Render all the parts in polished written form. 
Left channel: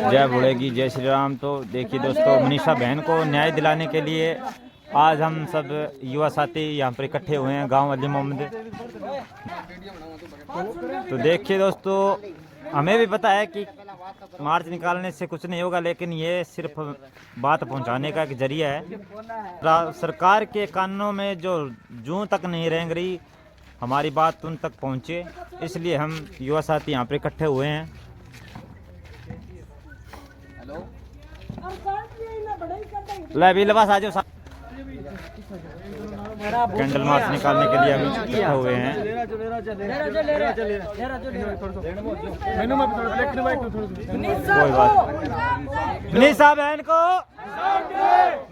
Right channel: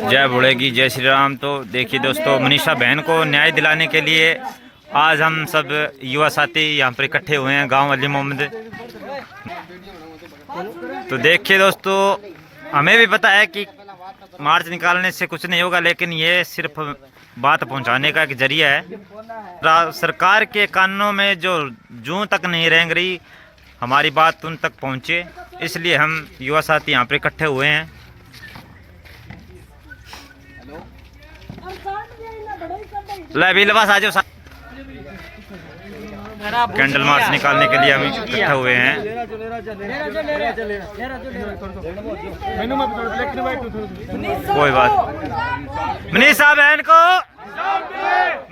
जय भोलेगी, जय श्री राम। तो देखिए दोस्तों, मनीषा बहन को न्याय दिलाने के लिए आज हम सब युवा साथी यहाँ पर इकट्ठे हुए हैं गांव अली मोहम्मद। तो देखिए दोस्तों, हमें भी पता है कि मार्च निकालने से कुछ नहीं होगा, लेकिन ये सिर्फ बात पहुंचाने का एक जरिया है। सरकार के कानूनों में जो जूं तक नहीं रेंग रही, हमारी बात उन तक पहुंचे, इसलिए हम युवा साथी यहाँ पर इकट्ठे हुए हैं। आ जाओ, कैंडल मार्च निकालने के लिए हम इकट्ठे हुए हैं। कोई बात, मनीषा बहन को,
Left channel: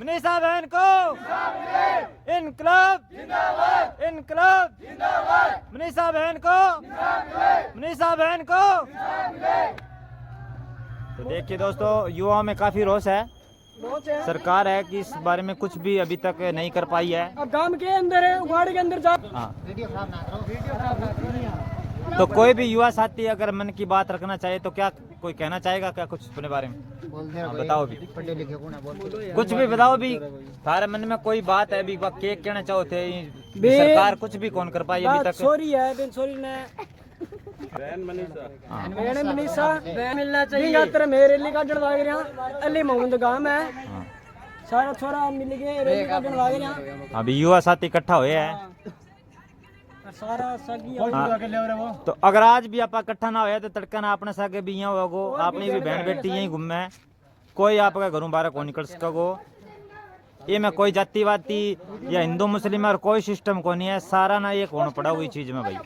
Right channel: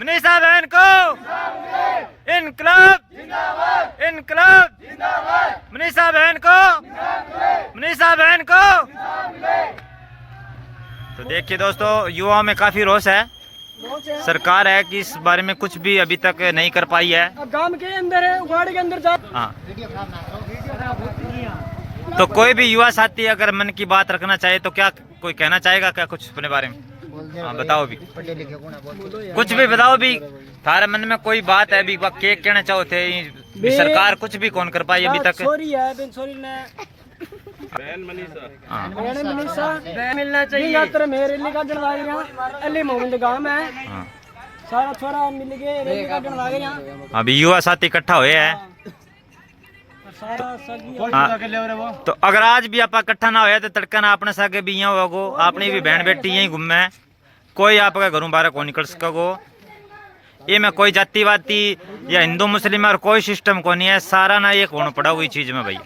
मनीषा बहन को इनकलाब, इनकलाब, मनीषा बहन को, मनीषा बहन को। तो देखिए दोस्तों, युवाओं में काफी रोष है। सरकार है कि इस बारे में कुछ भी अभी तक नहीं कर पाई है। अब गांव के अंदर है, उगाड़ के अंदर जा। हाँ, तो कोई भी युवा साथी अगर मन की बात रखना चाहे तो क्या कोई कहना चाहेगा क्या कुछ अपने बारे में? हाँ बताओ भी, कुछ भी बताओ भी। थारे मन में कोई बात है भी, क्या कहना चाहो थे? सरकार कुछ भी कौन कर पाई अभी तक। सॉरी है बेन, सॉरी ने मनीषा मिलना चाहिए। मेरे लिए का लाग रहा अली मोहम्मद गांव में सारा छोरा मिल गए रैली का लाग रहा। अभी युवा साथी इकट्ठा हुए हैं सारा सगी। तो अगर आज भी आप इकट्ठा ना होया तो तड़का ना अपने सागे भी यहाँ होगो, अपनी भी बहन बेटी यहीं घूमे, कोई आपका घरों बाहर को निकल सकोगो। ये में कोई जातिवादी या हिंदू मुस्लिम और कोई सिस्टम को नहीं है, सारा ना एक होना पड़ा हुई चीज में भाई।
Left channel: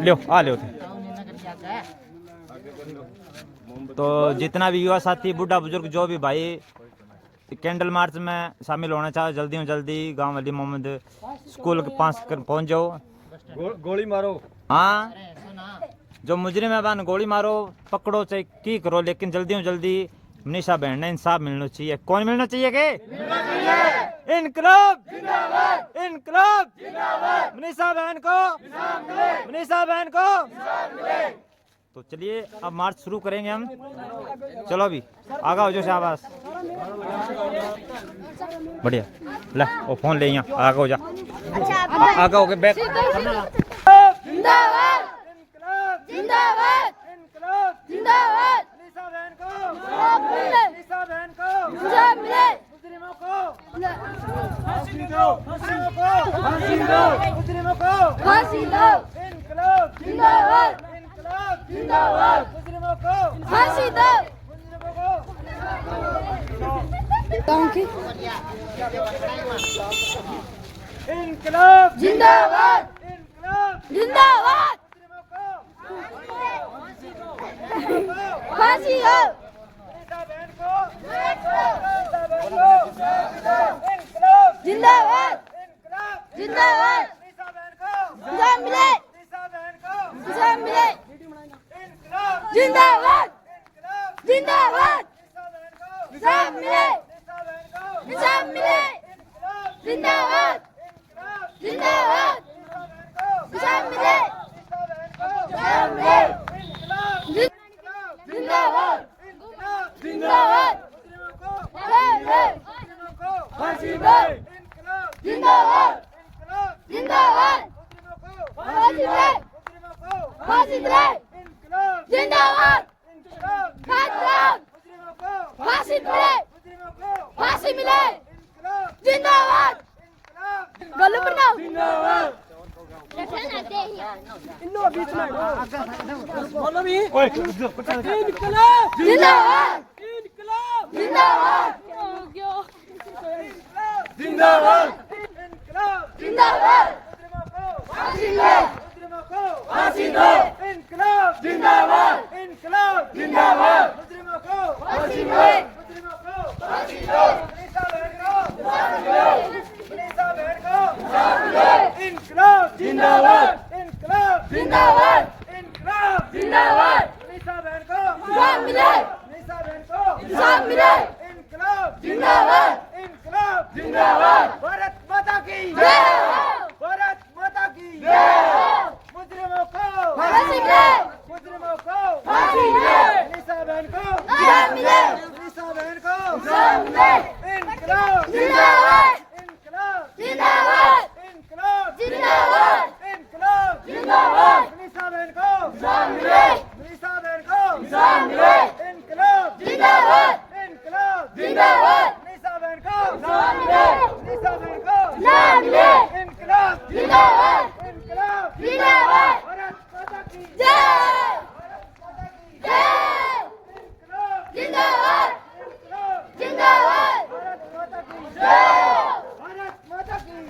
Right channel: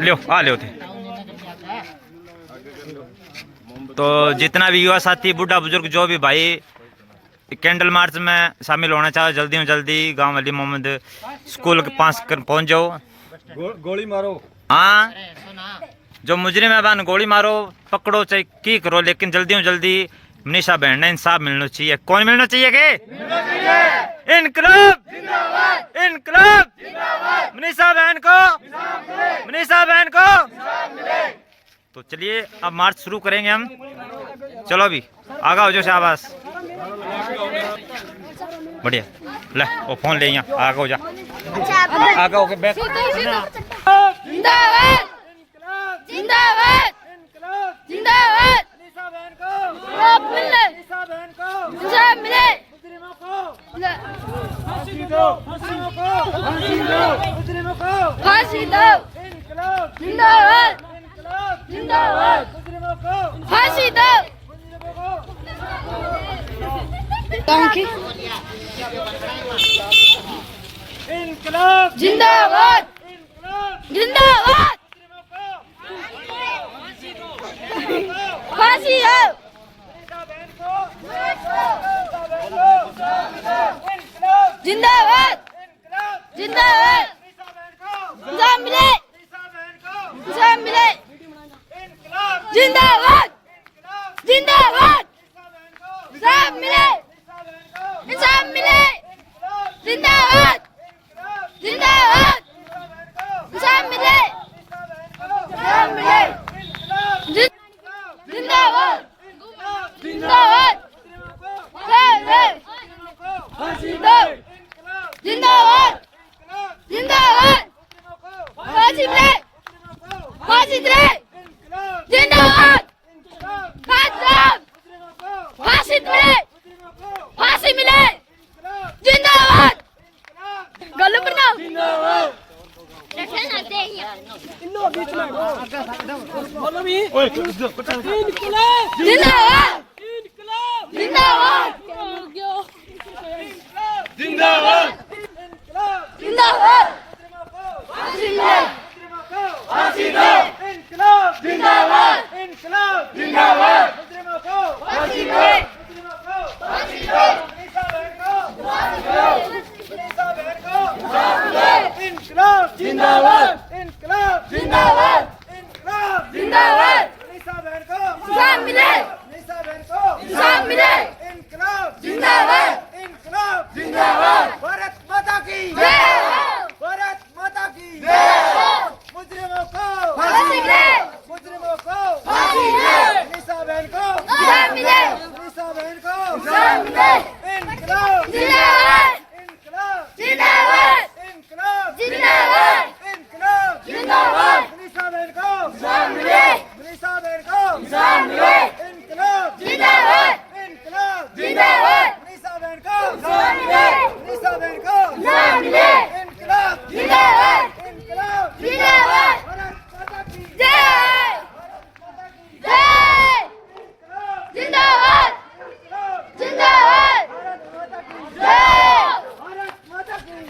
लो आ लो थे। तो जितना भी युवा साथी, बूढ़ा बुजुर्ग, जो भी भाई कैंडल मार्च में शामिल होना चाहो, जल्दी में जल्दी गांव अली मोहम्मद स्कूल के पास पहुंच जाओ। गोली मारो। हाँ, जो मुजरिम है बहन गोली मारो, पकड़ो, चाहे की करो, लेकिन जल्दी में जल्दी मनीषा बहन ने इंसाफ मिलना चाहिए। कौन मिलना चाहिए के? इनकलाब, इनकलाब, मनीषा बहन को, मनीषा बहन को। तो चलिए अब मार्च शुरू करेंगे हम। चलो अभी आगा हो जाओ शाबाश, बढ़िया। ले वो फोन ले, यहाँ आगा हो जा, आगा हो गए बैक। जिंदाबाद, जिंदाबाद, जिंदाबाद। इंसाफ मिले, फांसी दो, जिंदाबाद, जिंदाबाद, फांसी दो। जिंदाबाद, जिंदाबाद, फांसी दो। जिंदाबाद, जिंदाबाद, इंसाफ मिले, इंसाफ मिले। जिंदाबाद, जिंदाबाद, इंसाफ मिले, इंसाफ मिले। जिंदाबाद, जिंदाबाद, इंसाफ मिले, इंसाफ मिले। जिंदाबाद, जिंदाबाद, फांसी दो। जिंदाबाद, जिंदाबाद, फांसी मिले, फांसी दे। जिंदाबाद, फांसी मिले, फांसी मिले। जिंदाबाद, गलू पर ना बोलो भी। जिंदाबाद, जिंदाबाद, जिंदाबाद, जिंदाबाद, जिंदाबाद। फांसी मिले, फांसी दो। जिंदाबाद, जिंदाबाद, फांसी मिले, फांसी दो। इनकलाब जिंदाबाद, इनकलाब जिंदाबाद, इनकलाब जिंदाबाद। मनीषा बहन को इंसाफ मिले, मनीषा बहन को इंसाफ मिले। इनकलाब जिंदाबाद, इनकलाब जिंदाबाद। भारत माता की जय, भारत माता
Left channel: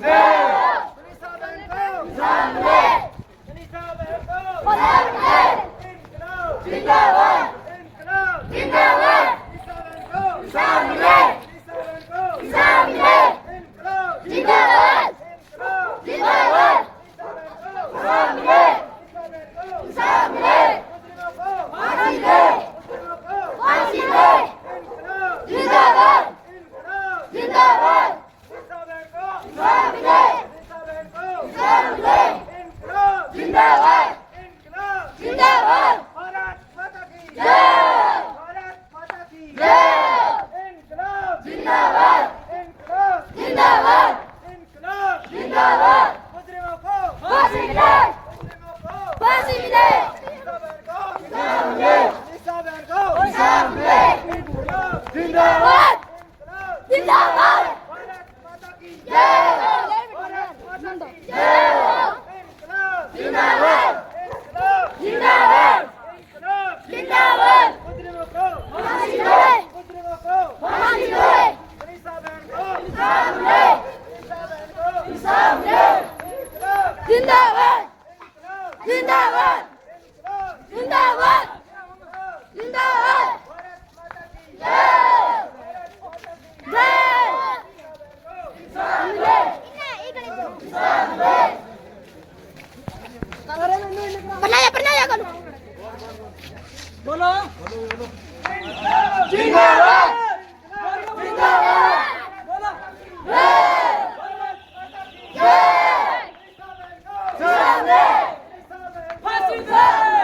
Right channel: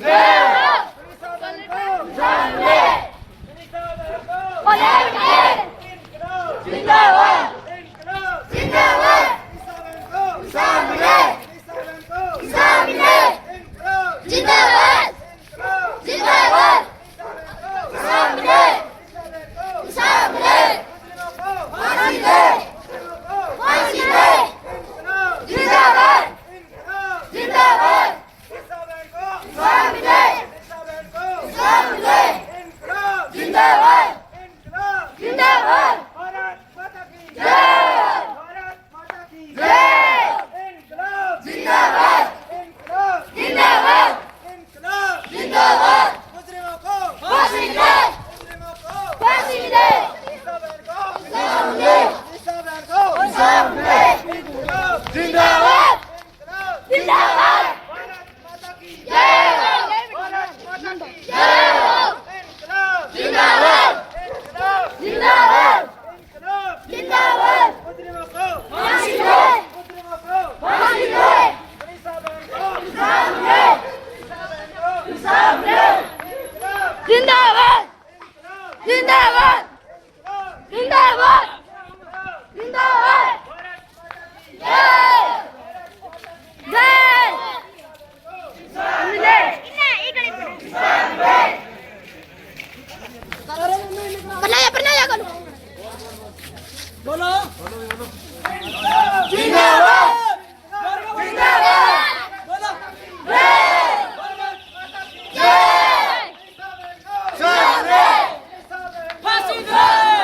मनीषा बहन को मनीषा बहन को इनकलाब जिंदाबाद इनकलाब जिंदाबाद मनीषा बहन को मनीषा बहन को इनकलाब जिंदाबाद इनकलाब जिंदाबाद बोलो जिंदाबाद बोलो फांसी दो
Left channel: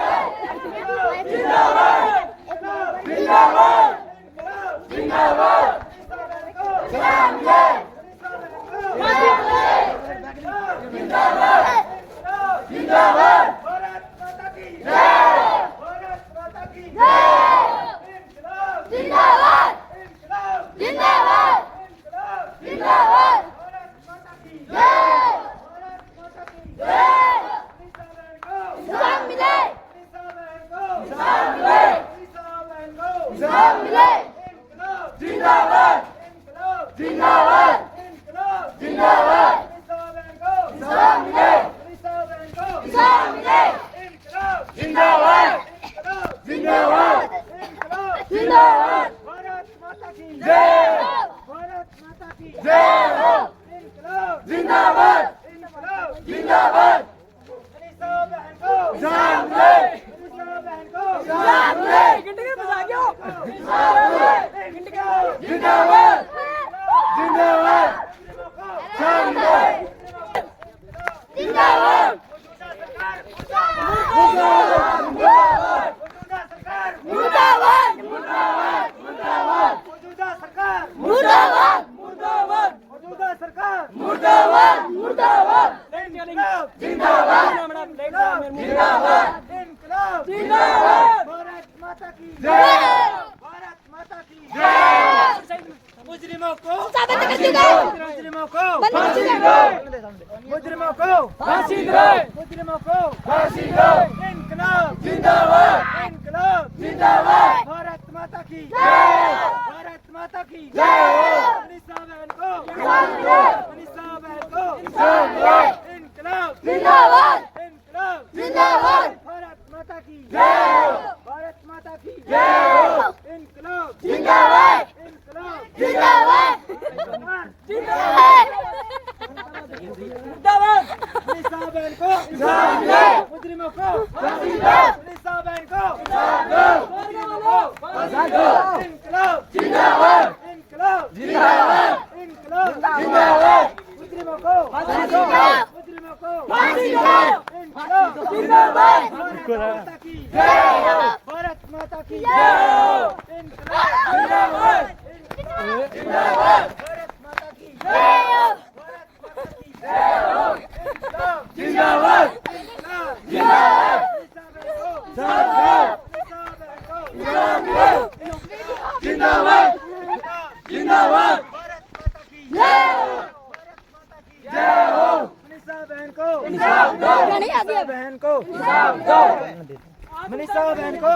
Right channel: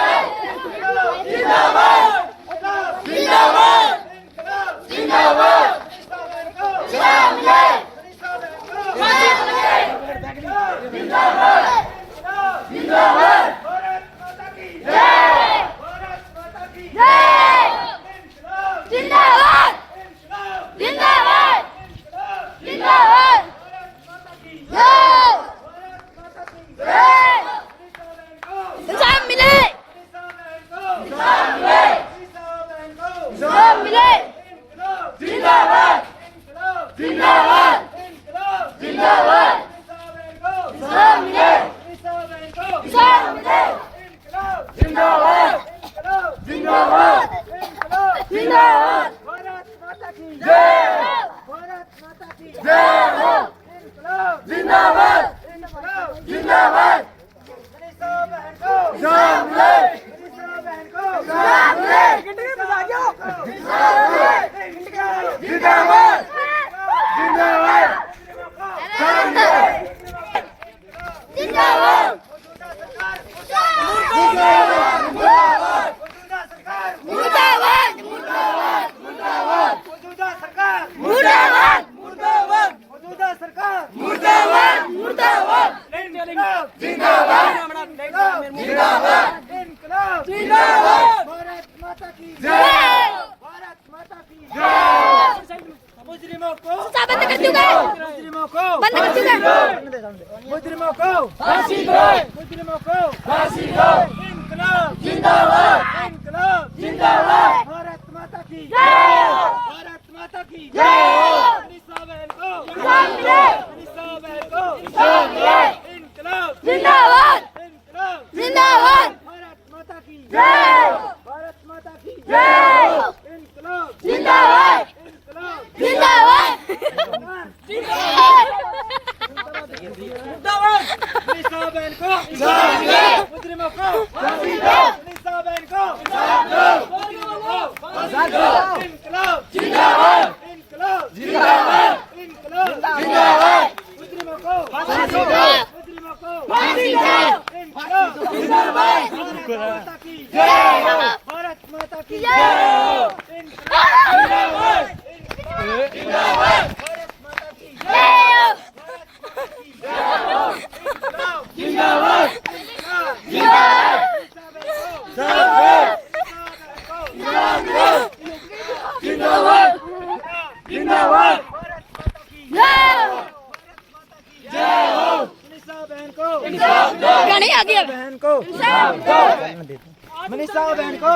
जिंदाबाद जिंदाबाद जिंदाबाद जिंदाबाद मुजरिमों को फांसी दो मुजरिमों को फांसी दो इनकलाब जिंदाबाद इनकलाब जिंदाबाद भारत माता की जय भारत माता की जय मनीषा बहन को मनीषा बहन को इनकलाब जिंदाबाद इनकलाब जिंदाबाद भारत माता की जय भारत माता की जय इनकलाब जिंदाबाद इनकलाब जिंदाबाद मनीषा बहन को मुजरिमों को मनीषा बहन को इनकलाब जिंदाबाद इनकलाब जिंदाबाद इनकलाब जिंदाबाद मुजरिमों को मुजरिमों को इनकलाब जिंदाबाद भारत माता की जय भारत माता की जय इनकलाब जिंदाबाद जिंदाबाद भारत माता की जय जिंदाबाद जिंदाबाद जिंदाबाद जिंदाबाद भारत माता की जय हो मनीषा बहन को गाने आ गया बहन को मनीषा बहन को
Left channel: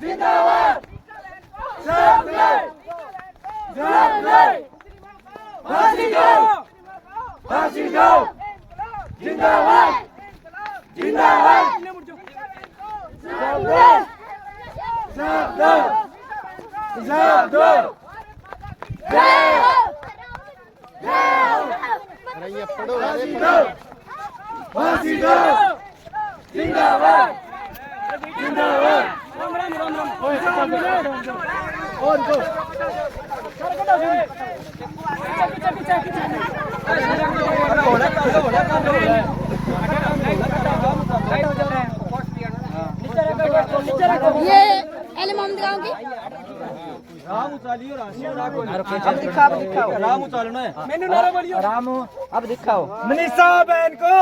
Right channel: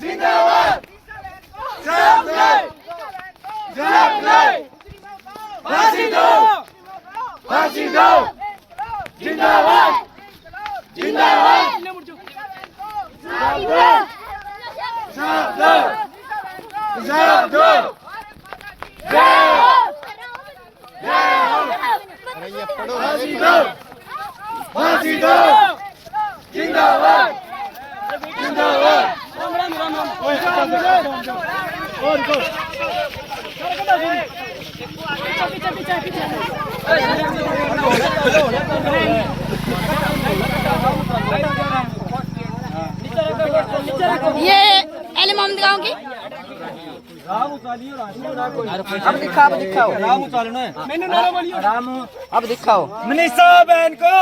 जिंदाबाद जनाब नहीं जनाब नहीं फांसी दो फांसी दो जिंदाबाद जिंदाबाद जनाब दो जनाब दो फांसी दो फांसी दो जिंदाबाद जिंदाबाद राम राम राम राम और दो ये एले मोहम्मद गांव की अब दिखाओ राम उतारना है मैंने नारा बोलियो राम अब दिखाओ मनीषा बहन को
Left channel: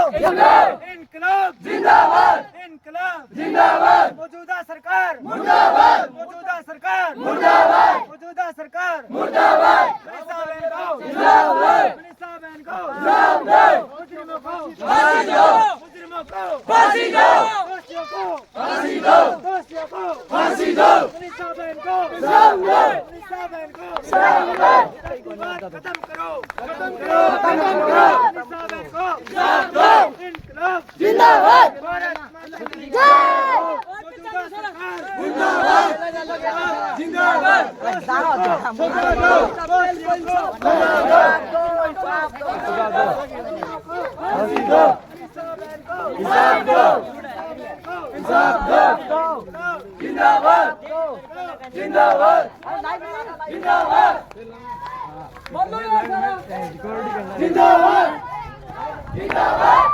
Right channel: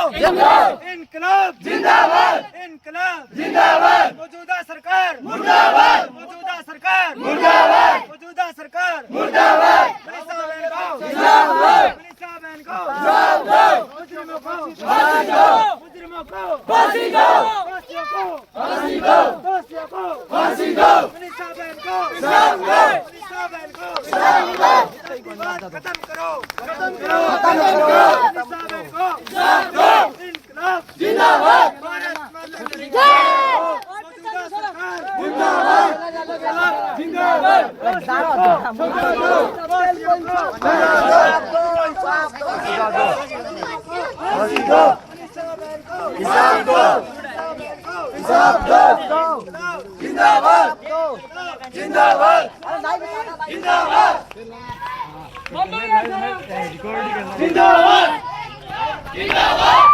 इनकलाब जिंदाबाद इनकलाब जिंदाबाद मौजूदा सरकार मुर्दाबाद मौजूदा सरकार मुर्दाबाद मौजूदा सरकार मुर्दाबाद मनीषा बहन को जिंदाबाद मुजरिमों को फांसी दो मुजरिमों को फांसी दो दोषियों को फांसी दो दोषियों को फांसी दो मनीषा बहन को जिंदाबाद मनीषा बहन को जिंदाबाद विवाद खत्म करो खत्म करो खत्म करो मनीषा बहन को जिंदाबाद इनकलाब जिंदाबाद भारत माता की जय मौजूदा सरकार जिंदाबाद जिंदाबाद फांसी दो हिसाब दो हिसाब दो जिंदाबाद जिंदाबाद जिंदाबाद जिंदाबाद जिंदाबाद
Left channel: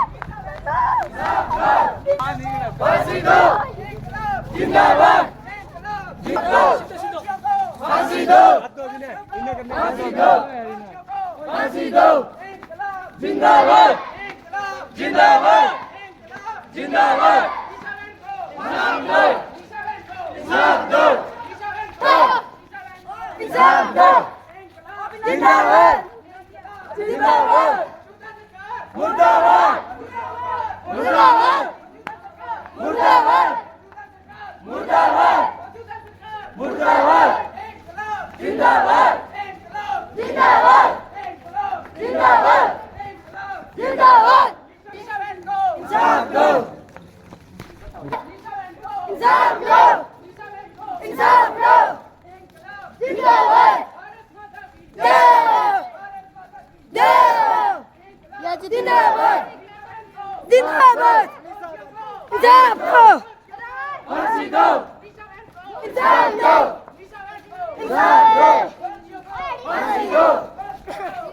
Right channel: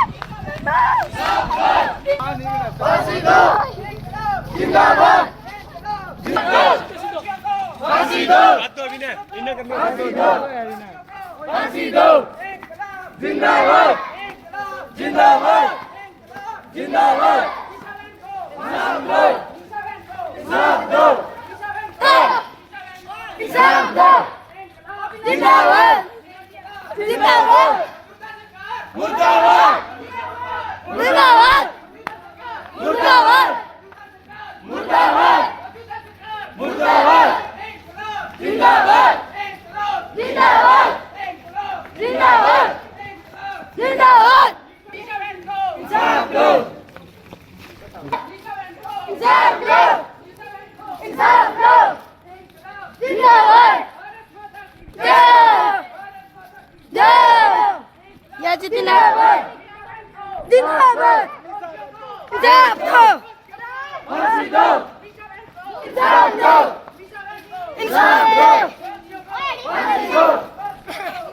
फांसी दो जिंदाबाद फांसी दो फांसी दो फांसी दो जिंदाबाद जिंदाबाद जिंदाबाद हिसाब दो हिसाब दो जिंदाबाद जिंदाबाद मुर्दाबाद मुर्दाबाद मुर्दाबाद मुर्दाबाद मुर्दाबाद जिंदाबाद जिंदाबाद जिंदाबाद जिंदाबाद हिसाब दो इंसाफ लो इंसाफ लो जिंदाबाद जय जय या जिंदाबाद जिंदाबाद इंसाफ लो फांसी दो इंसाफ लो इंसाफ लो फांसी दो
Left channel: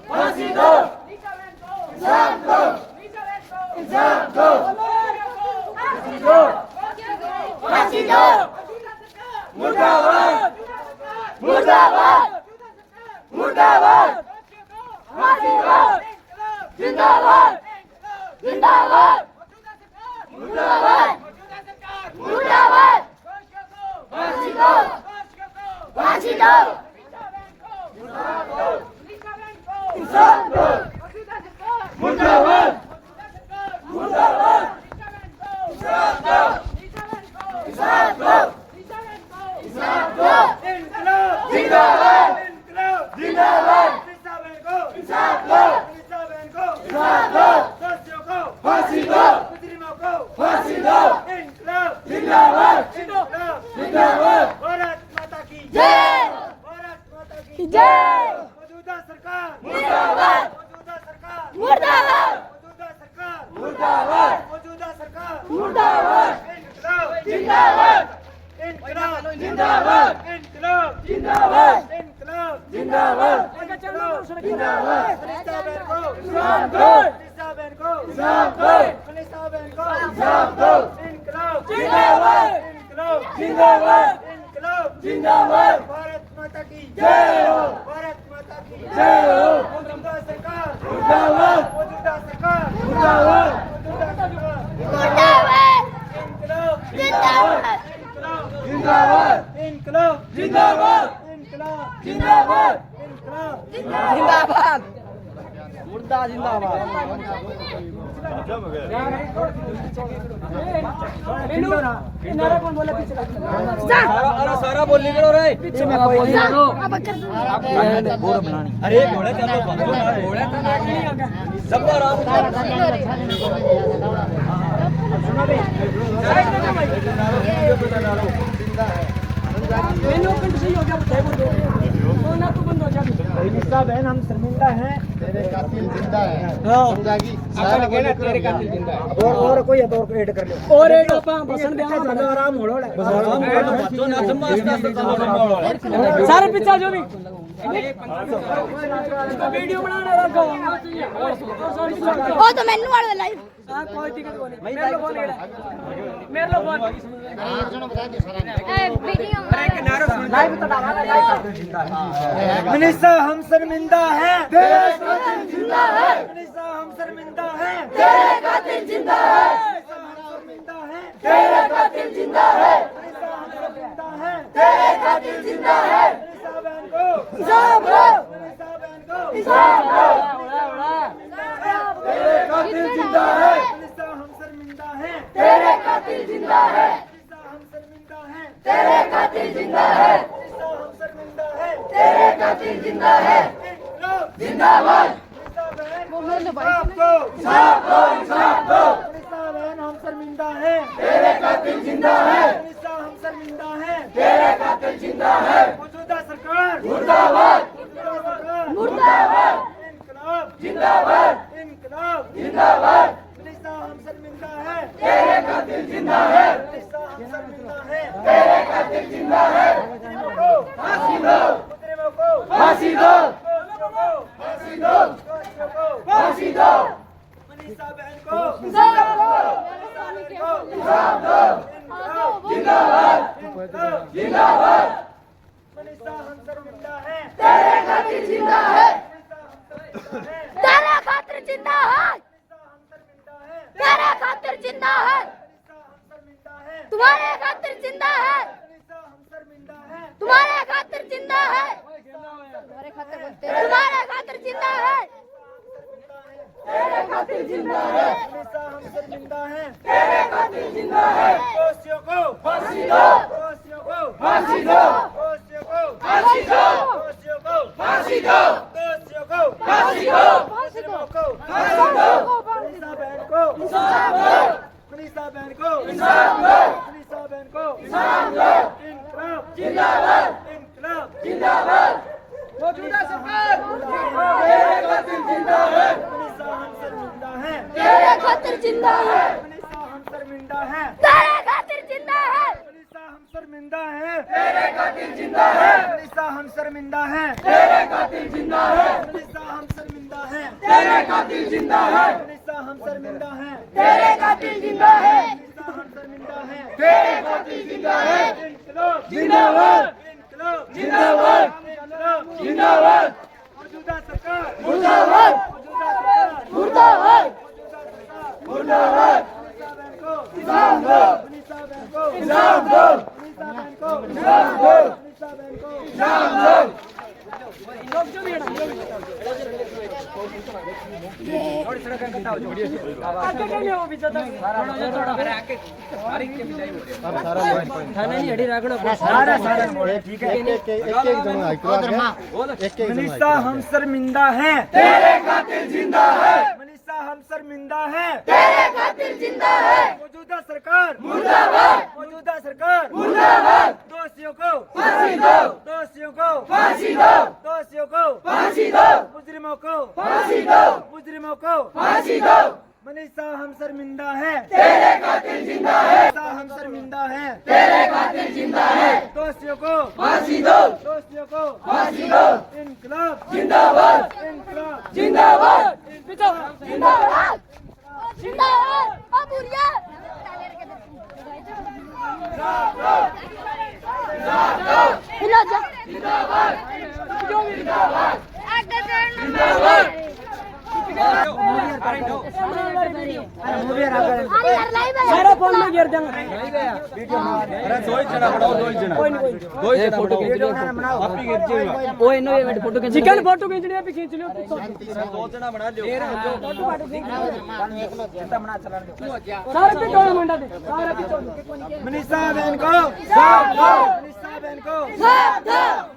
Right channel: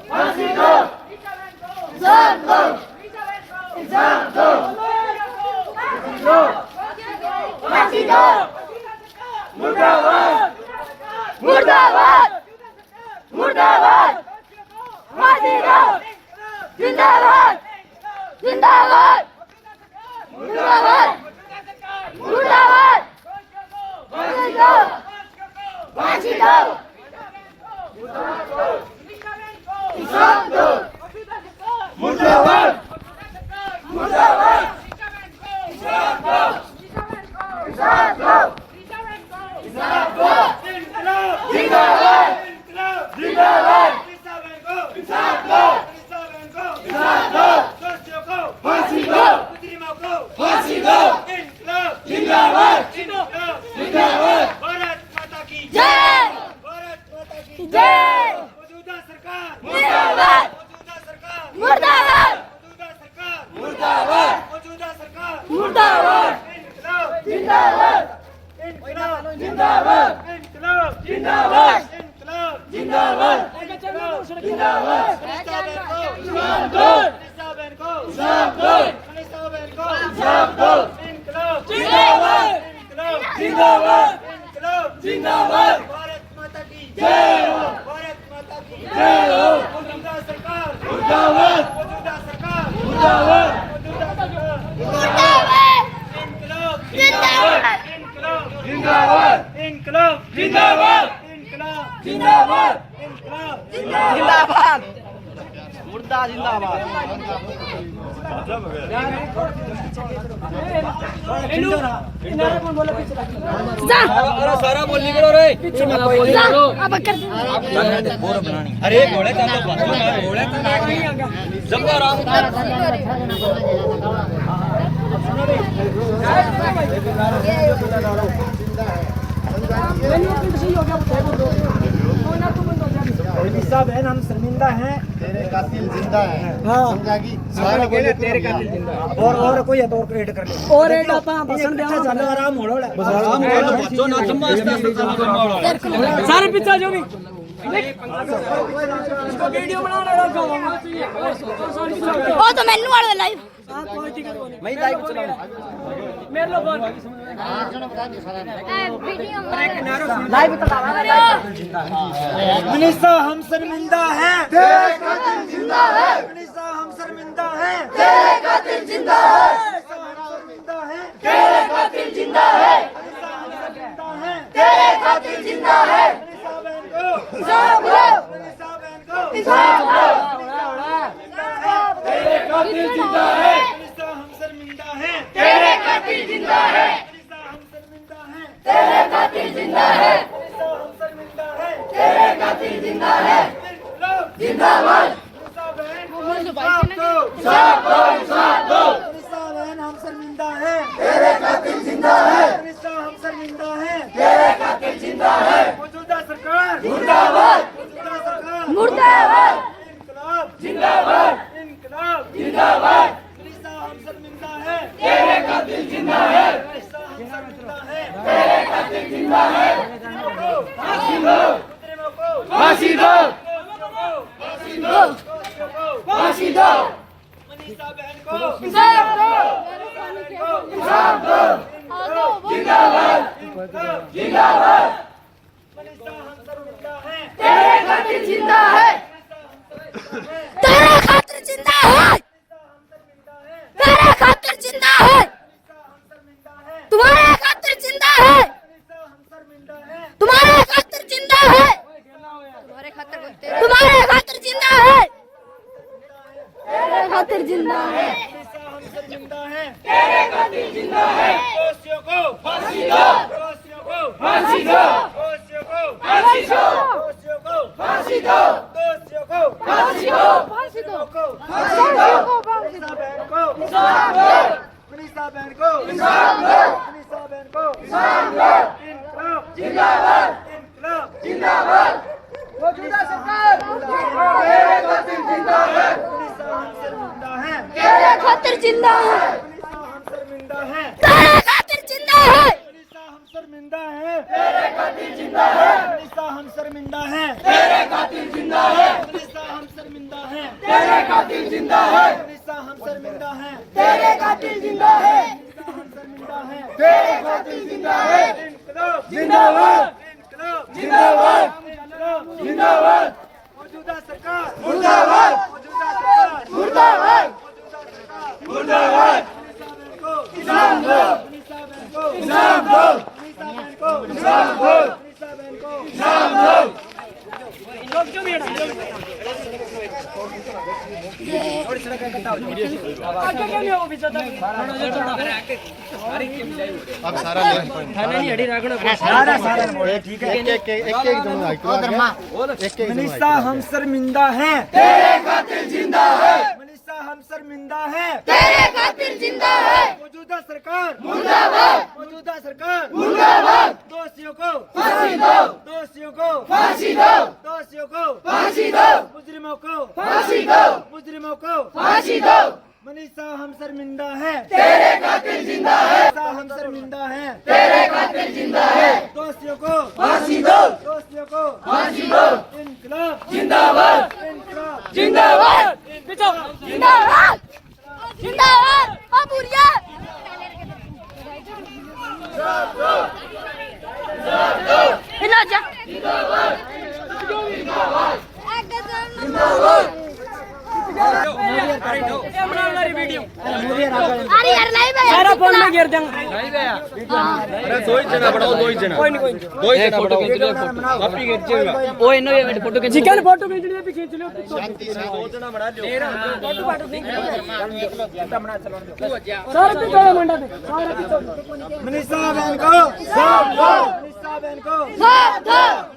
फांसी दो इंसाफ लो इंसाफ दो फांसी दो फांसी दो मुर्दाबाद मुर्दाबाद मुर्दाबाद फांसी दो जिंदाबाद जिंदाबाद मुर्दाबाद मुर्दाबाद फांसी दो फांसी दो इंसाफ दो मुर्दाबाद मुर्दाबाद इंसाफ दो इंसाफ दो इंसाफ दो इनकलाब जिंदाबाद इनकलाब जिंदाबाद इंसाफ दो इंसाफ दो दोषियों को फांसी दो मुजरिमों को फांसी दो इनकलाब जिंदाबाद जिंदाबाद भारत माता की जय भारत माता की जय मौजूदा सरकार मुर्दाबाद मौजूदा सरकार मुर्दाबाद मौजूदा सरकार मुर्दाबाद मौजूदा सरकार मुर्दाबाद इनकलाब जिंदाबाद इनकलाब जिंदाबाद इनकलाब जिंदाबाद इनकलाब जिंदाबाद जिंदाबाद मनीषा बहन को इंसाफ दो मनीषा बहन को इंसाफ दो मनीषा बहन को इंसाफ दो इनकलाब जिंदाबाद इनकलाब जिंदाबाद इनकलाब जिंदाबाद भारत माता की जय हो भारत माता की जय हो मौजूदा सरकार मुर्दाबाद मौजूदा सरकार मुर्दाबाद मौजूदा सरकार मुर्दाबाद इनकलाब जिंदाबाद जिंदाबाद इनकलाब जिंदाबाद इनकलाब जिंदाबाद इनकलाब जिंदाबाद नारा कौन बोला पीछे सारा बोल निकलो रे पीछे मैं कोई अरे घोड़े तो घोड़े जब मैंने पिंड सही हो गया वो थे बोल दो ना तो बंद हो जा साहब है हम शर्मिंदा हैं तेरे कातिल जिंदा है हाँ समझागी सारा बोले तेरे कातिल जिंदा और कोई है तो और ऐड कर लो और एक आपा भाषण देना चलो आराम हो लो बस आराम हो लो बच्चों ना समझते सारे पीछे जो भी इसको वीडियो बनाने रखो ओ तो मेनू वाले लाइव हां कोई दिक्कत नहीं मेरे लो फोन मनीषा हम शर्मिंदा हैं तेरे कातिल जिंदा है मनीषा हम शर्मिंदा हैं तेरे कातिल जिंदा है शर्मिंदा हैं तेरे कातिल जिंदा है मनीषा हम शर्मिंदा हैं तेरे कातिल जिंदा है मनीषा बहन को इंसाफ दो मनीषा बहन को इंसाफ दो तेरे कातिल जिंदा है मनीषा हम शर्मिंदा हैं तेरे कातिल जिंदा है मनीषा हम शर्मिंदा हैं तेरे कातिल जिंदा है मनीषा हम शर्मिंदा हैं तेरे कातिल जिंदा है जिंदाबाद मनीषा बहन को इंसाफ दो इंसाफ दो इंसाफ दो मनीषा बहन हम शर्मिंदा हैं तेरे कातिल जिंदा है मनीषा हम शर्मिंदा हैं तेरे कातिल जिंदा है मौजूदा सरकार मुर्दाबाद मौजूदा सरकार मुर्दाबाद इनकलाब जिंदाबाद इनकलाब जिंदाबाद मनीषा हम शर्मिंदा हैं तेरे कातिल जिंदा है मनीषा हम शर्मिंदा हैं तेरे कातिल जिंदा है फांसी दो मुजरिमों को फांसी दो फांसी दो फांसी दो मनीषा बहन को इंसाफ दो इंसाफ दो जिंदाबाद जिंदाबाद मनीषा हम शर्मिंदा हैं तेरे कातिल जिंदा है तेरे खातिर जिंदा है तेरे खातिर जिंदा है तुम्हारे खातिर जिंदा है तुम्हारे खातिर जिंदा है तुम्हारे खातिर जिंदा है तेरे खातिर जिंदा है मनीषा हम शर्मिंदा हैं तेरे कातिल जिंदा है दोषियों को फांसी दो दोषियों को फांसी दो दोषियों को फांसी दो दोषियों को फांसी दो दोषियों को फांसी दो मुजरिमों को फांसी दो मनीषा बहन को इंसाफ दो मनीषा बहन को इंसाफ दो मनीषा बहन को इंसाफ दो इनकलाब जिंदाबाद इनकलाब जिंदाबाद मौजूदा सरकार तेरे कातिल जिंदा है मनीषा हम शर्मिंदा हैं तेरे खातिर जिंदा है मनीषा हम शर्मिंदा हैं तेरे खातिर जिंदा है मनीषा हम शर्मिंदा हैं तेरे कातिल जिंदा है मनीषा हम शर्मिंदा हैं तेरे कातिल जिंदा है मनीषा हम शर्मिंदा हैं तेरे कातिल जिंदा है मनीषा हम शर्मिंदा हैं तेरे कातिल जिंदा है मनीषा हम शर्मिंदा हैं तेरे कातिल जिंदा है इनकलाब जिंदाबाद इनकलाब जिंदाबाद इनकलाब जिंदाबाद मौजूदा सरकार मुर्दाबाद मौजूदा सरकार मुर्दाबाद मौजूदा सरकार मुर्दाबाद मनीषा बहन को इंसाफ दो मनीषा बहन को इंसाफ दो मनीषा बहन को इंसाफ दो मनीषा बहन को इंसाफ दो आगे क्या नहीं वो पीछे अब सारा थाना नहीं हड़ी रखना सारा सारा ठीक है एक दोनों एक मनीषा हम शर्मिंदा हैं तेरे कातिल जिंदा है मनीषा हम शर्मिंदा हैं तेरे खातिर जिंदा है मौजूदा सरकार मुर्दाबाद मौजूदा सरकार मुर्दाबाद दोषियों को फांसी दो दोषियों को फांसी दो दोषियों को फांसी दो मुजरिमों को फांसी दो मुजरिमों को फांसी दो मनीषा हम शर्मिंदा हैं तेरे कातिल जिंदा है मनीषा हम शर्मिंदा हैं तेरे कातिल जिंदा है दोषियों को फांसी दो दोषियों को फांसी दो इनकलाब जिंदाबाद इनकलाब जिंदाबाद जिंदाबाद जिंदाबाद ओ बुढ़िया हिला जा जिंदाबाद आगे चल जिंदाबाद अरे यार नहीं बे सारा फोन में गिर जाऊंगा चिकन फोटो खींचनी है भी खींच लो सारे पे कहाँ मंडा दे सारे पे मनीषा बहन को मनीषा बहन को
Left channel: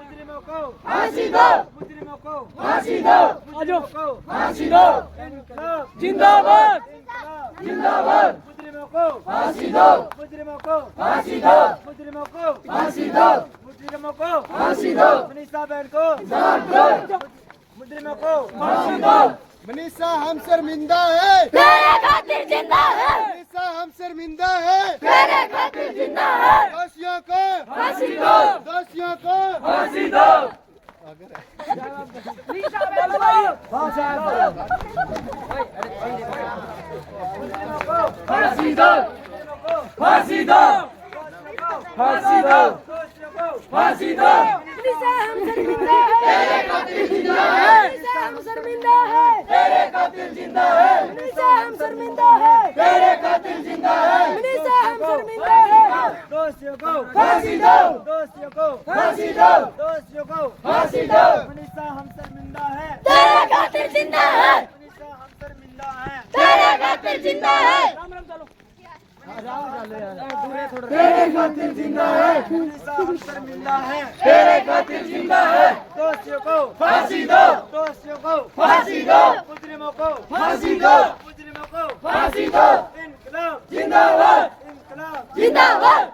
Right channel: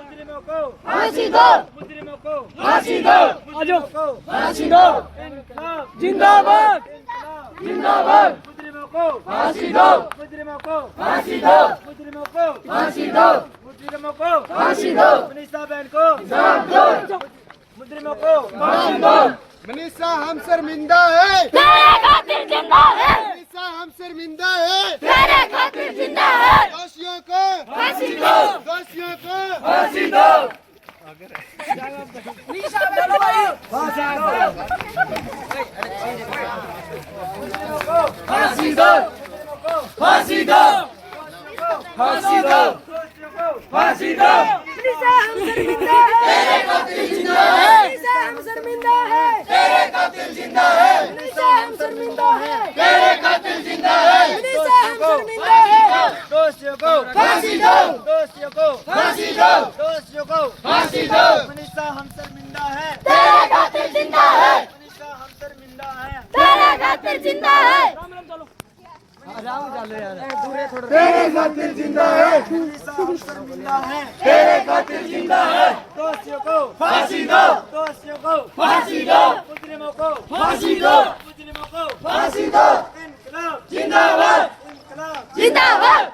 मुजरिमों को फांसी दो मुजरिमों को फांसी दो आजो को फांसी दो इनकलाब जिंदाबाद जिंदाबाद मुजरिमों को फांसी दो मुजरिमों को फांसी दो मुजरिमों को फांसी दो मुजरिमों को फांसी दो मनीषा बहन को मुजरिमों को फांसी दो मनीषा हम शर्मिंदा है तेरे खातिर जिंदा है मनीषा हम शर्मिंदा है तेरे खातिर जिंदा है दोषियों को फांसी दो दोषियों को फांसी दो फांसी दो फांसी दो फांसी दो फांसी दो तेरे खातिर जिंदा है हम शर्मिंदा है तेरे कातिल जिंदा है हम शर्मिंदा है तेरे कातिल जिंदा है दोषियों को फांसी दो दोषियों को फांसी दो दोषियों को फांसी दो मनीषा हम शर्मिंदा है तेरे खातिर जिंदा है मनीषा हम शर्मिंदा है तेरे खातिर जिंदा है तेरे कातिल जिंदा है मनीषा हम शर्मिंदा है तेरे कातिल जिंदा है दोषियों को फांसी दो दोषियों को फांसी दो मुजरिमों को फांसी दो मुजरिमों को फांसी दो इनकलाब जिंदाबाद इनकलाब जिंदाबाद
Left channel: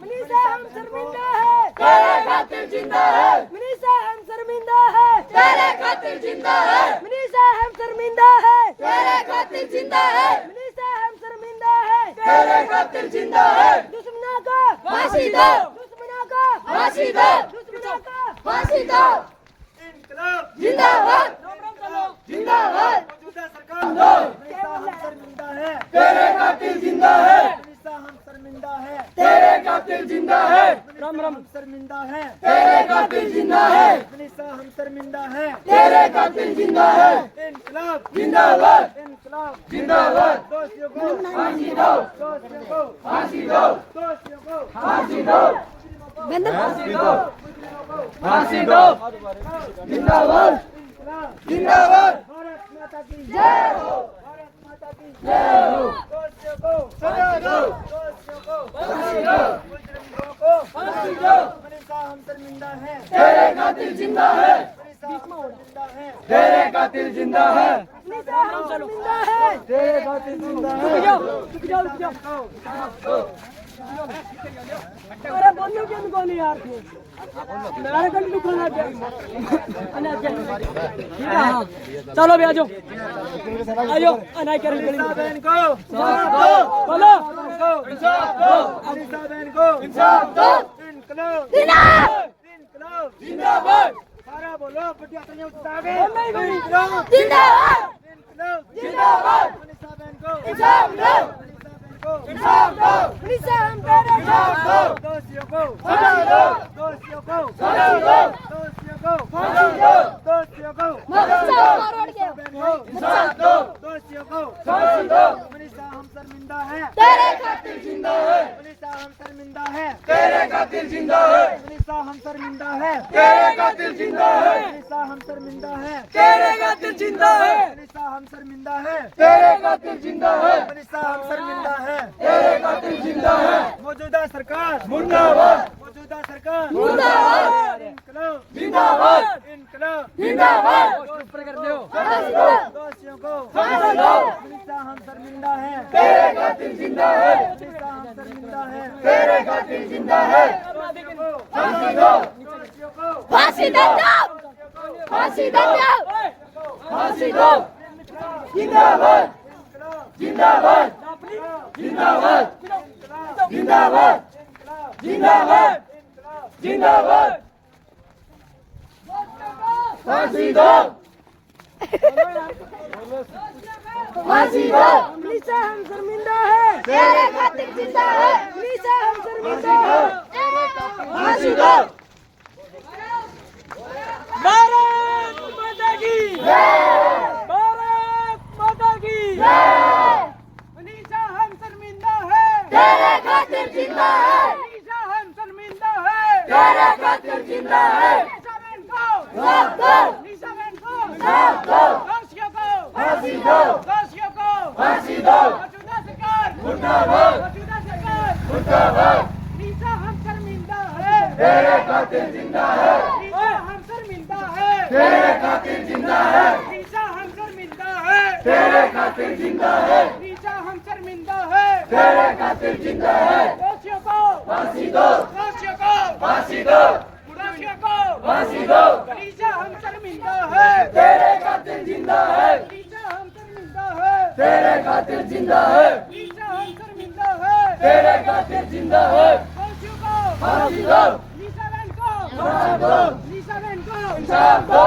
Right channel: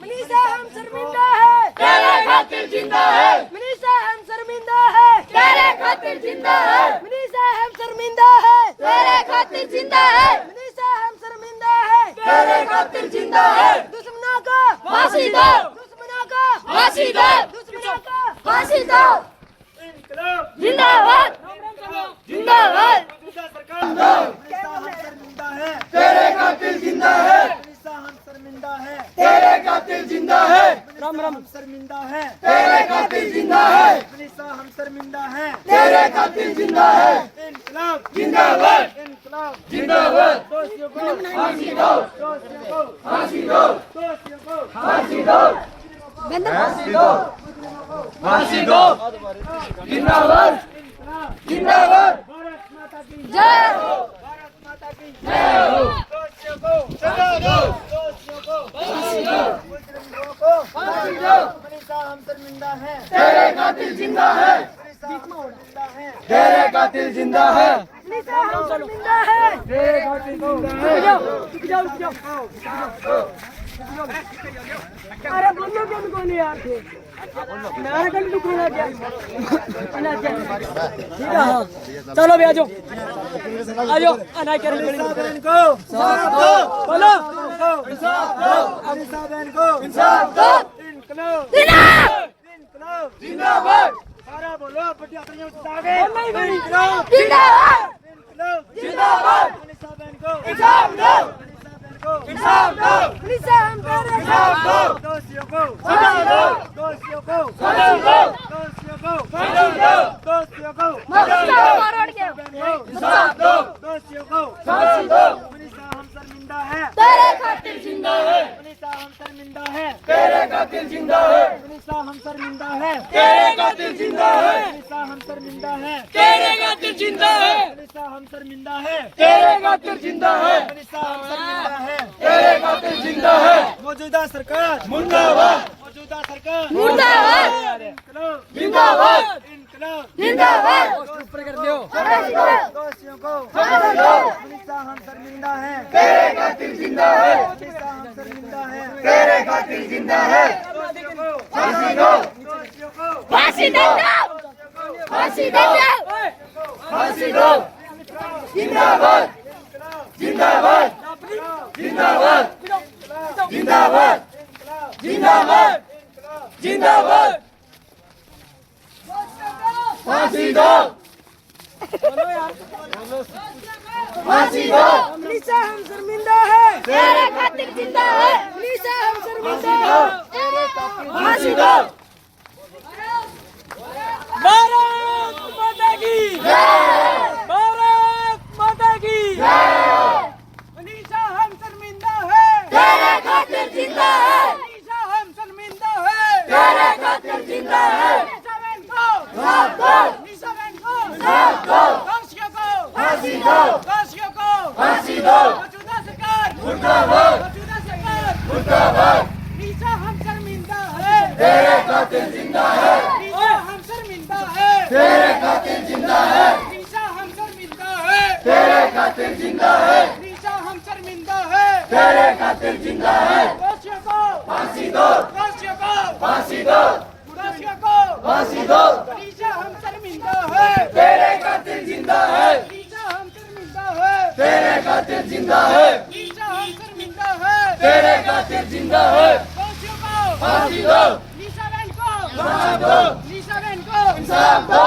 मनीषा हम शर्मिंदा है तेरे खातिर जिंदा है मनीषा हम शर्मिंदा है तेरे खातिर जिंदा है मनीषा हम शर्मिंदा है तेरे खातिर जिंदा है मनीषा हम शर्मिंदा है तेरे खातिर जिंदा है दुश्मनों को फांसी दो दुश्मनों को फांसी दो दुश्मनों को फांसी दो इनकलाब जिंदाबाद जिंदाबाद मौजूदा सरकार मनीषा हम शर्मिंदा है तेरे कातिल जिंदा है मनीषा हम शर्मिंदा है तेरे कातिल जिंदा है राम राम शर्मिंदा है तेरे कातिल जिंदा है मनीषा हम शर्मिंदा है तेरे कातिल जिंदा है इनकलाब जिंदाबाद इनकलाब जिंदाबाद दोषियों को फांसी दो दोषियों को फांसी दो दोषियों को फांसी दो फांसी दो फांसी दो जिंदाबाद जिंदाबाद भारत माता की जय भारत माता की जय हो दोषियों को सजा दो दोषियों को फांसी दो मुजरिमों को फांसी दो मनीषा हम शर्मिंदा है तेरे कातिल जिंदा है मनीषा हम शर्मिंदा है तेरे कातिल जिंदा है मनीषा हम शर्मिंदा है तेरे कातिल जिंदा है रुक जाओ अरे बोलो क्यों नहीं यार थे मेरा कल दुखना क्या चलो भी आजो अनाय कर मनीषा बहन को इंसाफ दो बोलो इंसाफ दो मनीषा बहन को इंसाफ दो इनकलाब इनकलाब जिंदाबाद सारा बोलो बढ़िया तरीके से आगे इनकलाब जिंदाबाद इनकलाब जिंदाबाद मनीषा बहन को इंसाफ दो मनीषा बहन को इंसाफ दो मनीषा हम तेरे इंसाफ दो दोषियों को सजा दो दोषियों को सजा दो दोषियों को सजा दो दोषियों को फॉरवर्ड के इंसाफ दो दोषियों को फांसी दो मनीषा हम शर्मिंदा है तेरे खातिर जिंदा है मनीषा हम शर्मिंदा है तेरे कातिल जिंदा है मनीषा हम शर्मिंदा है तेरे कातिल जिंदा है मनीषा हम शर्मिंदा है तेरे कातिल जिंदा है मनीषा हम शर्मिंदा है तेरे कातिल जिंदा है मनीषा हम शर्मिंदा है तेरे कातिल जिंदा है मौजूदा सरकार मुर्दाबाद मौजूदा सरकार मुर्दाबाद इनकलाब जिंदाबाद इनकलाब जिंदाबाद दोषियों को मनीषा हम शर्मिंदा है तेरे कातिल जिंदा है मनीषा हम शर्मिंदा है तेरे कातिल जिंदा है फांसी दो दोषियों को फांसी दो फांसी दो फांसी दो जिंदाबाद जिंदाबाद जिंदाबाद जिंदाबाद जिंदाबाद जिंदाबाद फांसी दो फांसी दो मनीषा हम शर्मिंदा है तेरे खातिर जिंदा है मनीषा हम शर्मिंदा है फांसी दो भारत माता की जय भारत तेरे खातिर जिंदा है मनीषा हम शर्मिंदा है तेरे खातिर जिंदा है निशा बहन को साफ कर निशा बहन को साफ कर फांसियों को फांसी दो फांसियों को फांसी दो मौजूदा सरकार मुर्दाबाद मौजूदा सरकार मुर्दाबाद निशा हम शर्मिंदा है तेरे खातिर जिंदा है निशा हम शर्मिंदा है तेरे खातिर जिंदा है निशा हम शर्मिंदा है तेरे खातिर जिंदा है निशा हम शर्मिंदा है तेरे खातिर जिंदा है दोषियों को फांसी दो दोषियों को फांसी दो दोषियों को फांसी दो निशा हम शर्मिंदा है तेरे खातिर जिंदा है निशा हम शर्मिंदा है तेरे खातिर जिंदा है निशा हम शर्मिंदा है तेरे खातिर जिंदा है दोषियों को फांसी दो निशा बहन को इंसाफ दो निशा बहन को इंसाफ दो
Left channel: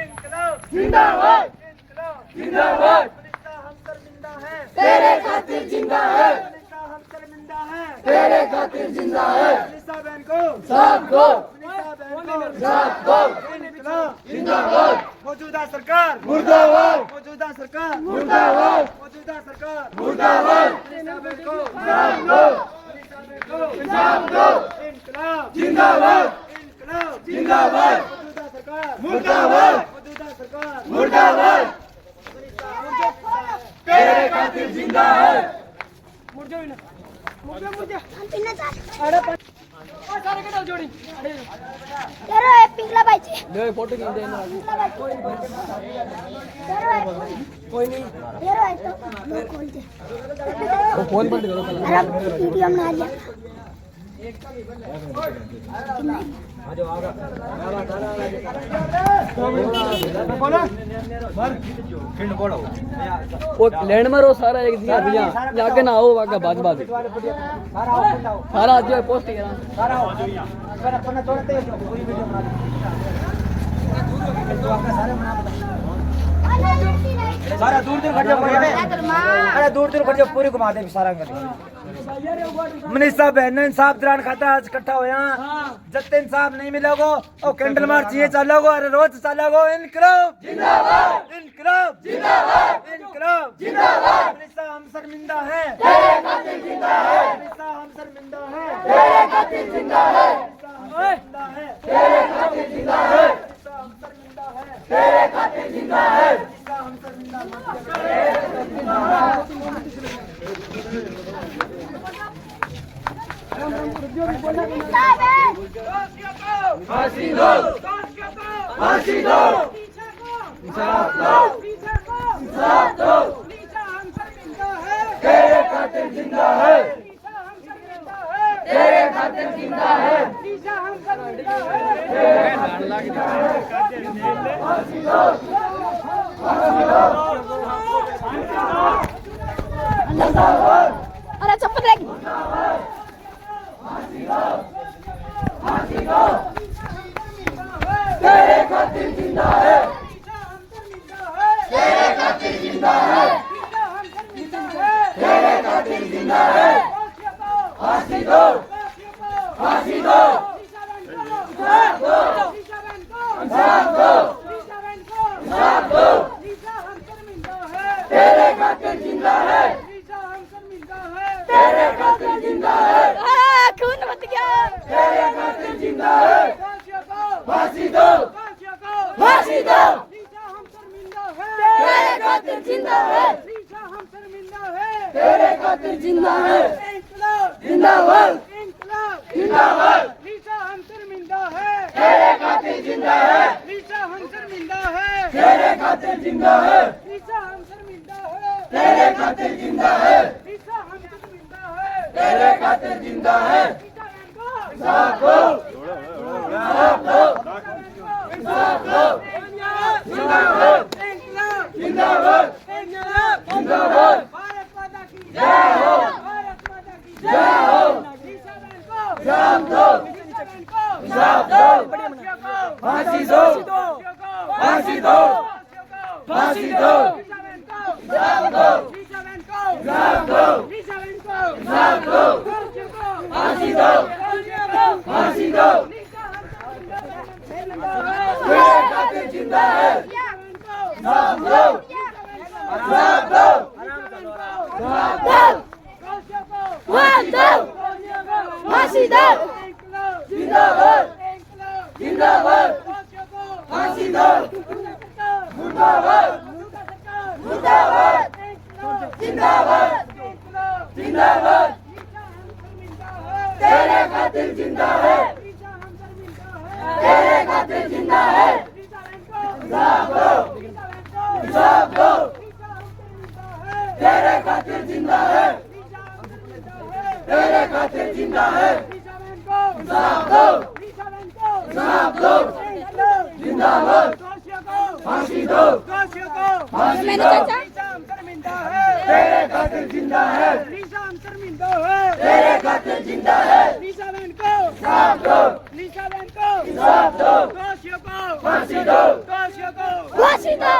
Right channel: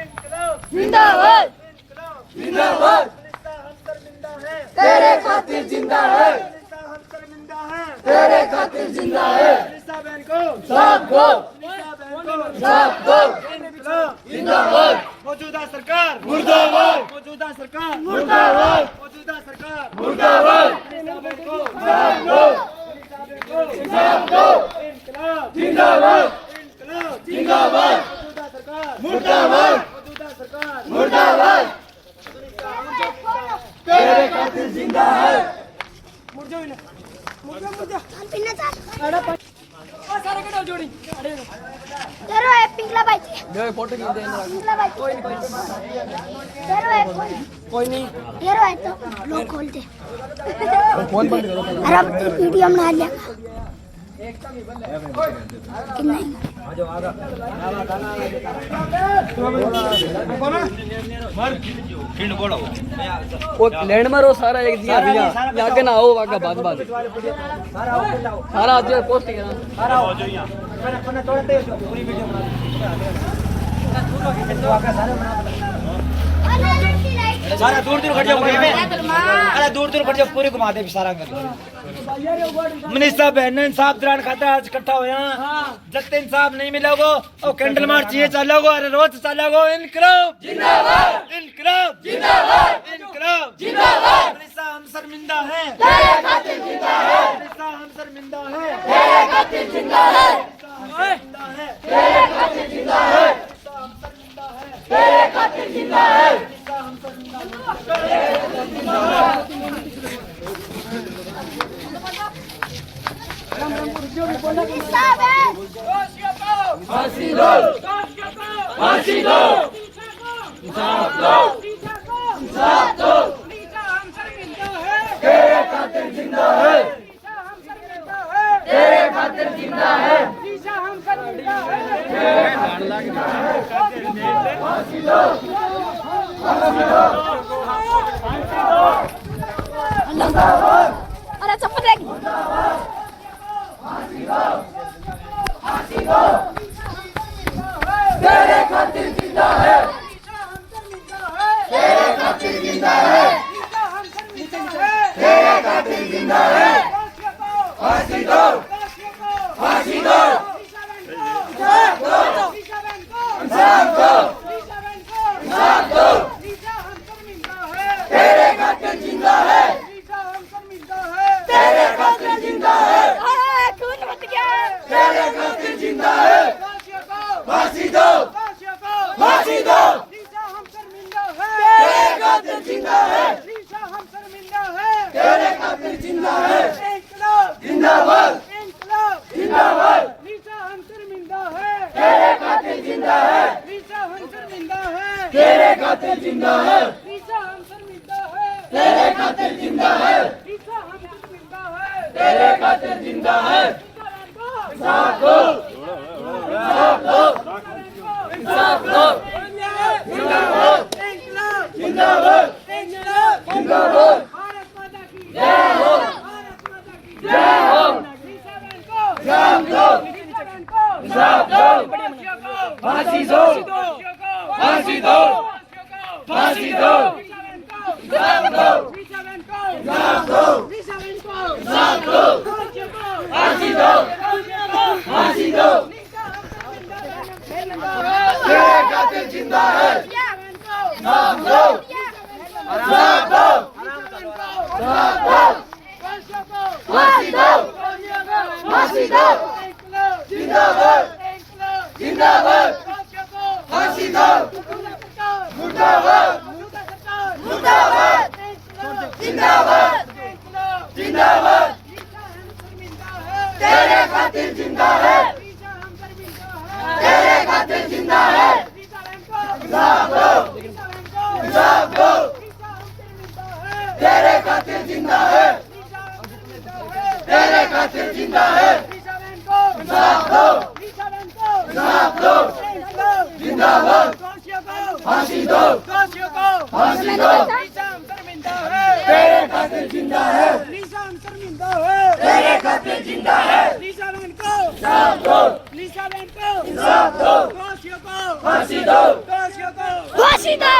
इनकलाब जिंदाबाद इनकलाब जिंदाबाद मनीषा हम शर्मिंदा है तेरे खातिर जिंदा है मनीषा हम शर्मिंदा है तेरे खातिर जिंदा है मनीषा बहन को साफ दो मनीषा बहन को साफ दो इनकलाब जिंदाबाद मौजूदा सरकार मुर्दाबाद मौजूदा सरकार मुर्दाबाद मौजूदा सरकार मुर्दाबाद मनीषा बहन को साफ दो मनीषा बहन को साफ दो इनकलाब जिंदाबाद इनकलाब जिंदाबाद मौजूदा सरकार मुर्दाबाद मौजूदा सरकार मुर्दाबाद तेरे खातिर जिंदा है मुड़ जाओ ना मुड़ जाओ सारे कटो जोड़ी अरे तेरो है पिंगला भाई दे फोटो खींच दे पिंगला भाई तेरो है कोई नहीं तेरो है तो लोग खोल दे फोन बंद करो अरे वीडियो बना लिया कितना वो लैंड मारो सारा एक दिया भैया आगे ना आओ आगे बाद बाद सारा आज पोस्ट करना सारा दूर दूर खड़ जाओ अरे दूर दूर खड़ जाओ पूरी घुमा दे सारा मनीषा बहन इंसाफ दौरान खाता आज इकट्ठा होया जब तक इंसाफ नहीं मिलोगो और कैंडल मार्च ये चलोगो अरे रोज चलोगो इनकलाब जिंदाबाद इनकलाब जिंदाबाद इनकलाब जिंदाबाद मनीषा हम शर्मिंदा हैं तेरे खातिर जिंदा है मनीषा हम शर्मिंदा हैं तेरे खातिर जिंदा है तेरे खातिर जिंदा है तेरे खातिर जिंदा है फांसी दो फांसी दो इंसाफ दो इंसाफ दो तेरे खातिर जिंदा है तेरे खातिर जिंदा है फांसी दो अरे चप्पल लेगी फांसी दो तेरे खातिर जिंदा है तेरे खातिर जिंदा है तेरे खातिर जिंदा है फांसी दो फांसी दो इंसाफ दो इंसाफ दो इंसाफ दो तेरे खातिर जिंदा है तेरे खातिर जिंदा है खून मत गया तेरे खातिर जिंदा है फांसी दो फांसी दो तेरे खातिर जिंदा है तेरे खातिर जिंदा है जिंदाबाद जिंदाबाद तेरे खातिर जिंदा है तेरे खातिर जिंदा है तेरे खातिर जिंदा है तेरे खातिर जिंदा है इंसाफ दो इंसाफ दो इंसाफ दो जिंदाबाद जिंदाबाद जिंदाबाद जय हो जय हो इंसाफ दो इंसाफ दो फांसी दो फांसी दो फांसी दो इंसाफ दो इंसाफ दो इंसाफ दो फांसी दो फांसी दो तेरे खातिर जिंदा है इंसाफ दो इंसाफ दो फांसी दो फांसी दो जिंदाबाद जिंदाबाद फांसी दो मुर्दाबाद मुर्दाबाद जिंदाबाद जिंदाबाद तेरे खातिर जिंदा है तेरे खातिर जिंदा है इंसाफ दो तेरे खातिर जिंदा है तेरे खातिर जिंदा है इंसाफ दो जिंदाबाद फांसी दो फांसी दो तेरे खातिर जिंदा है तेरे खातिर जिंदा है इंसाफ दो इंसाफ दो फांसी दो फांसी दो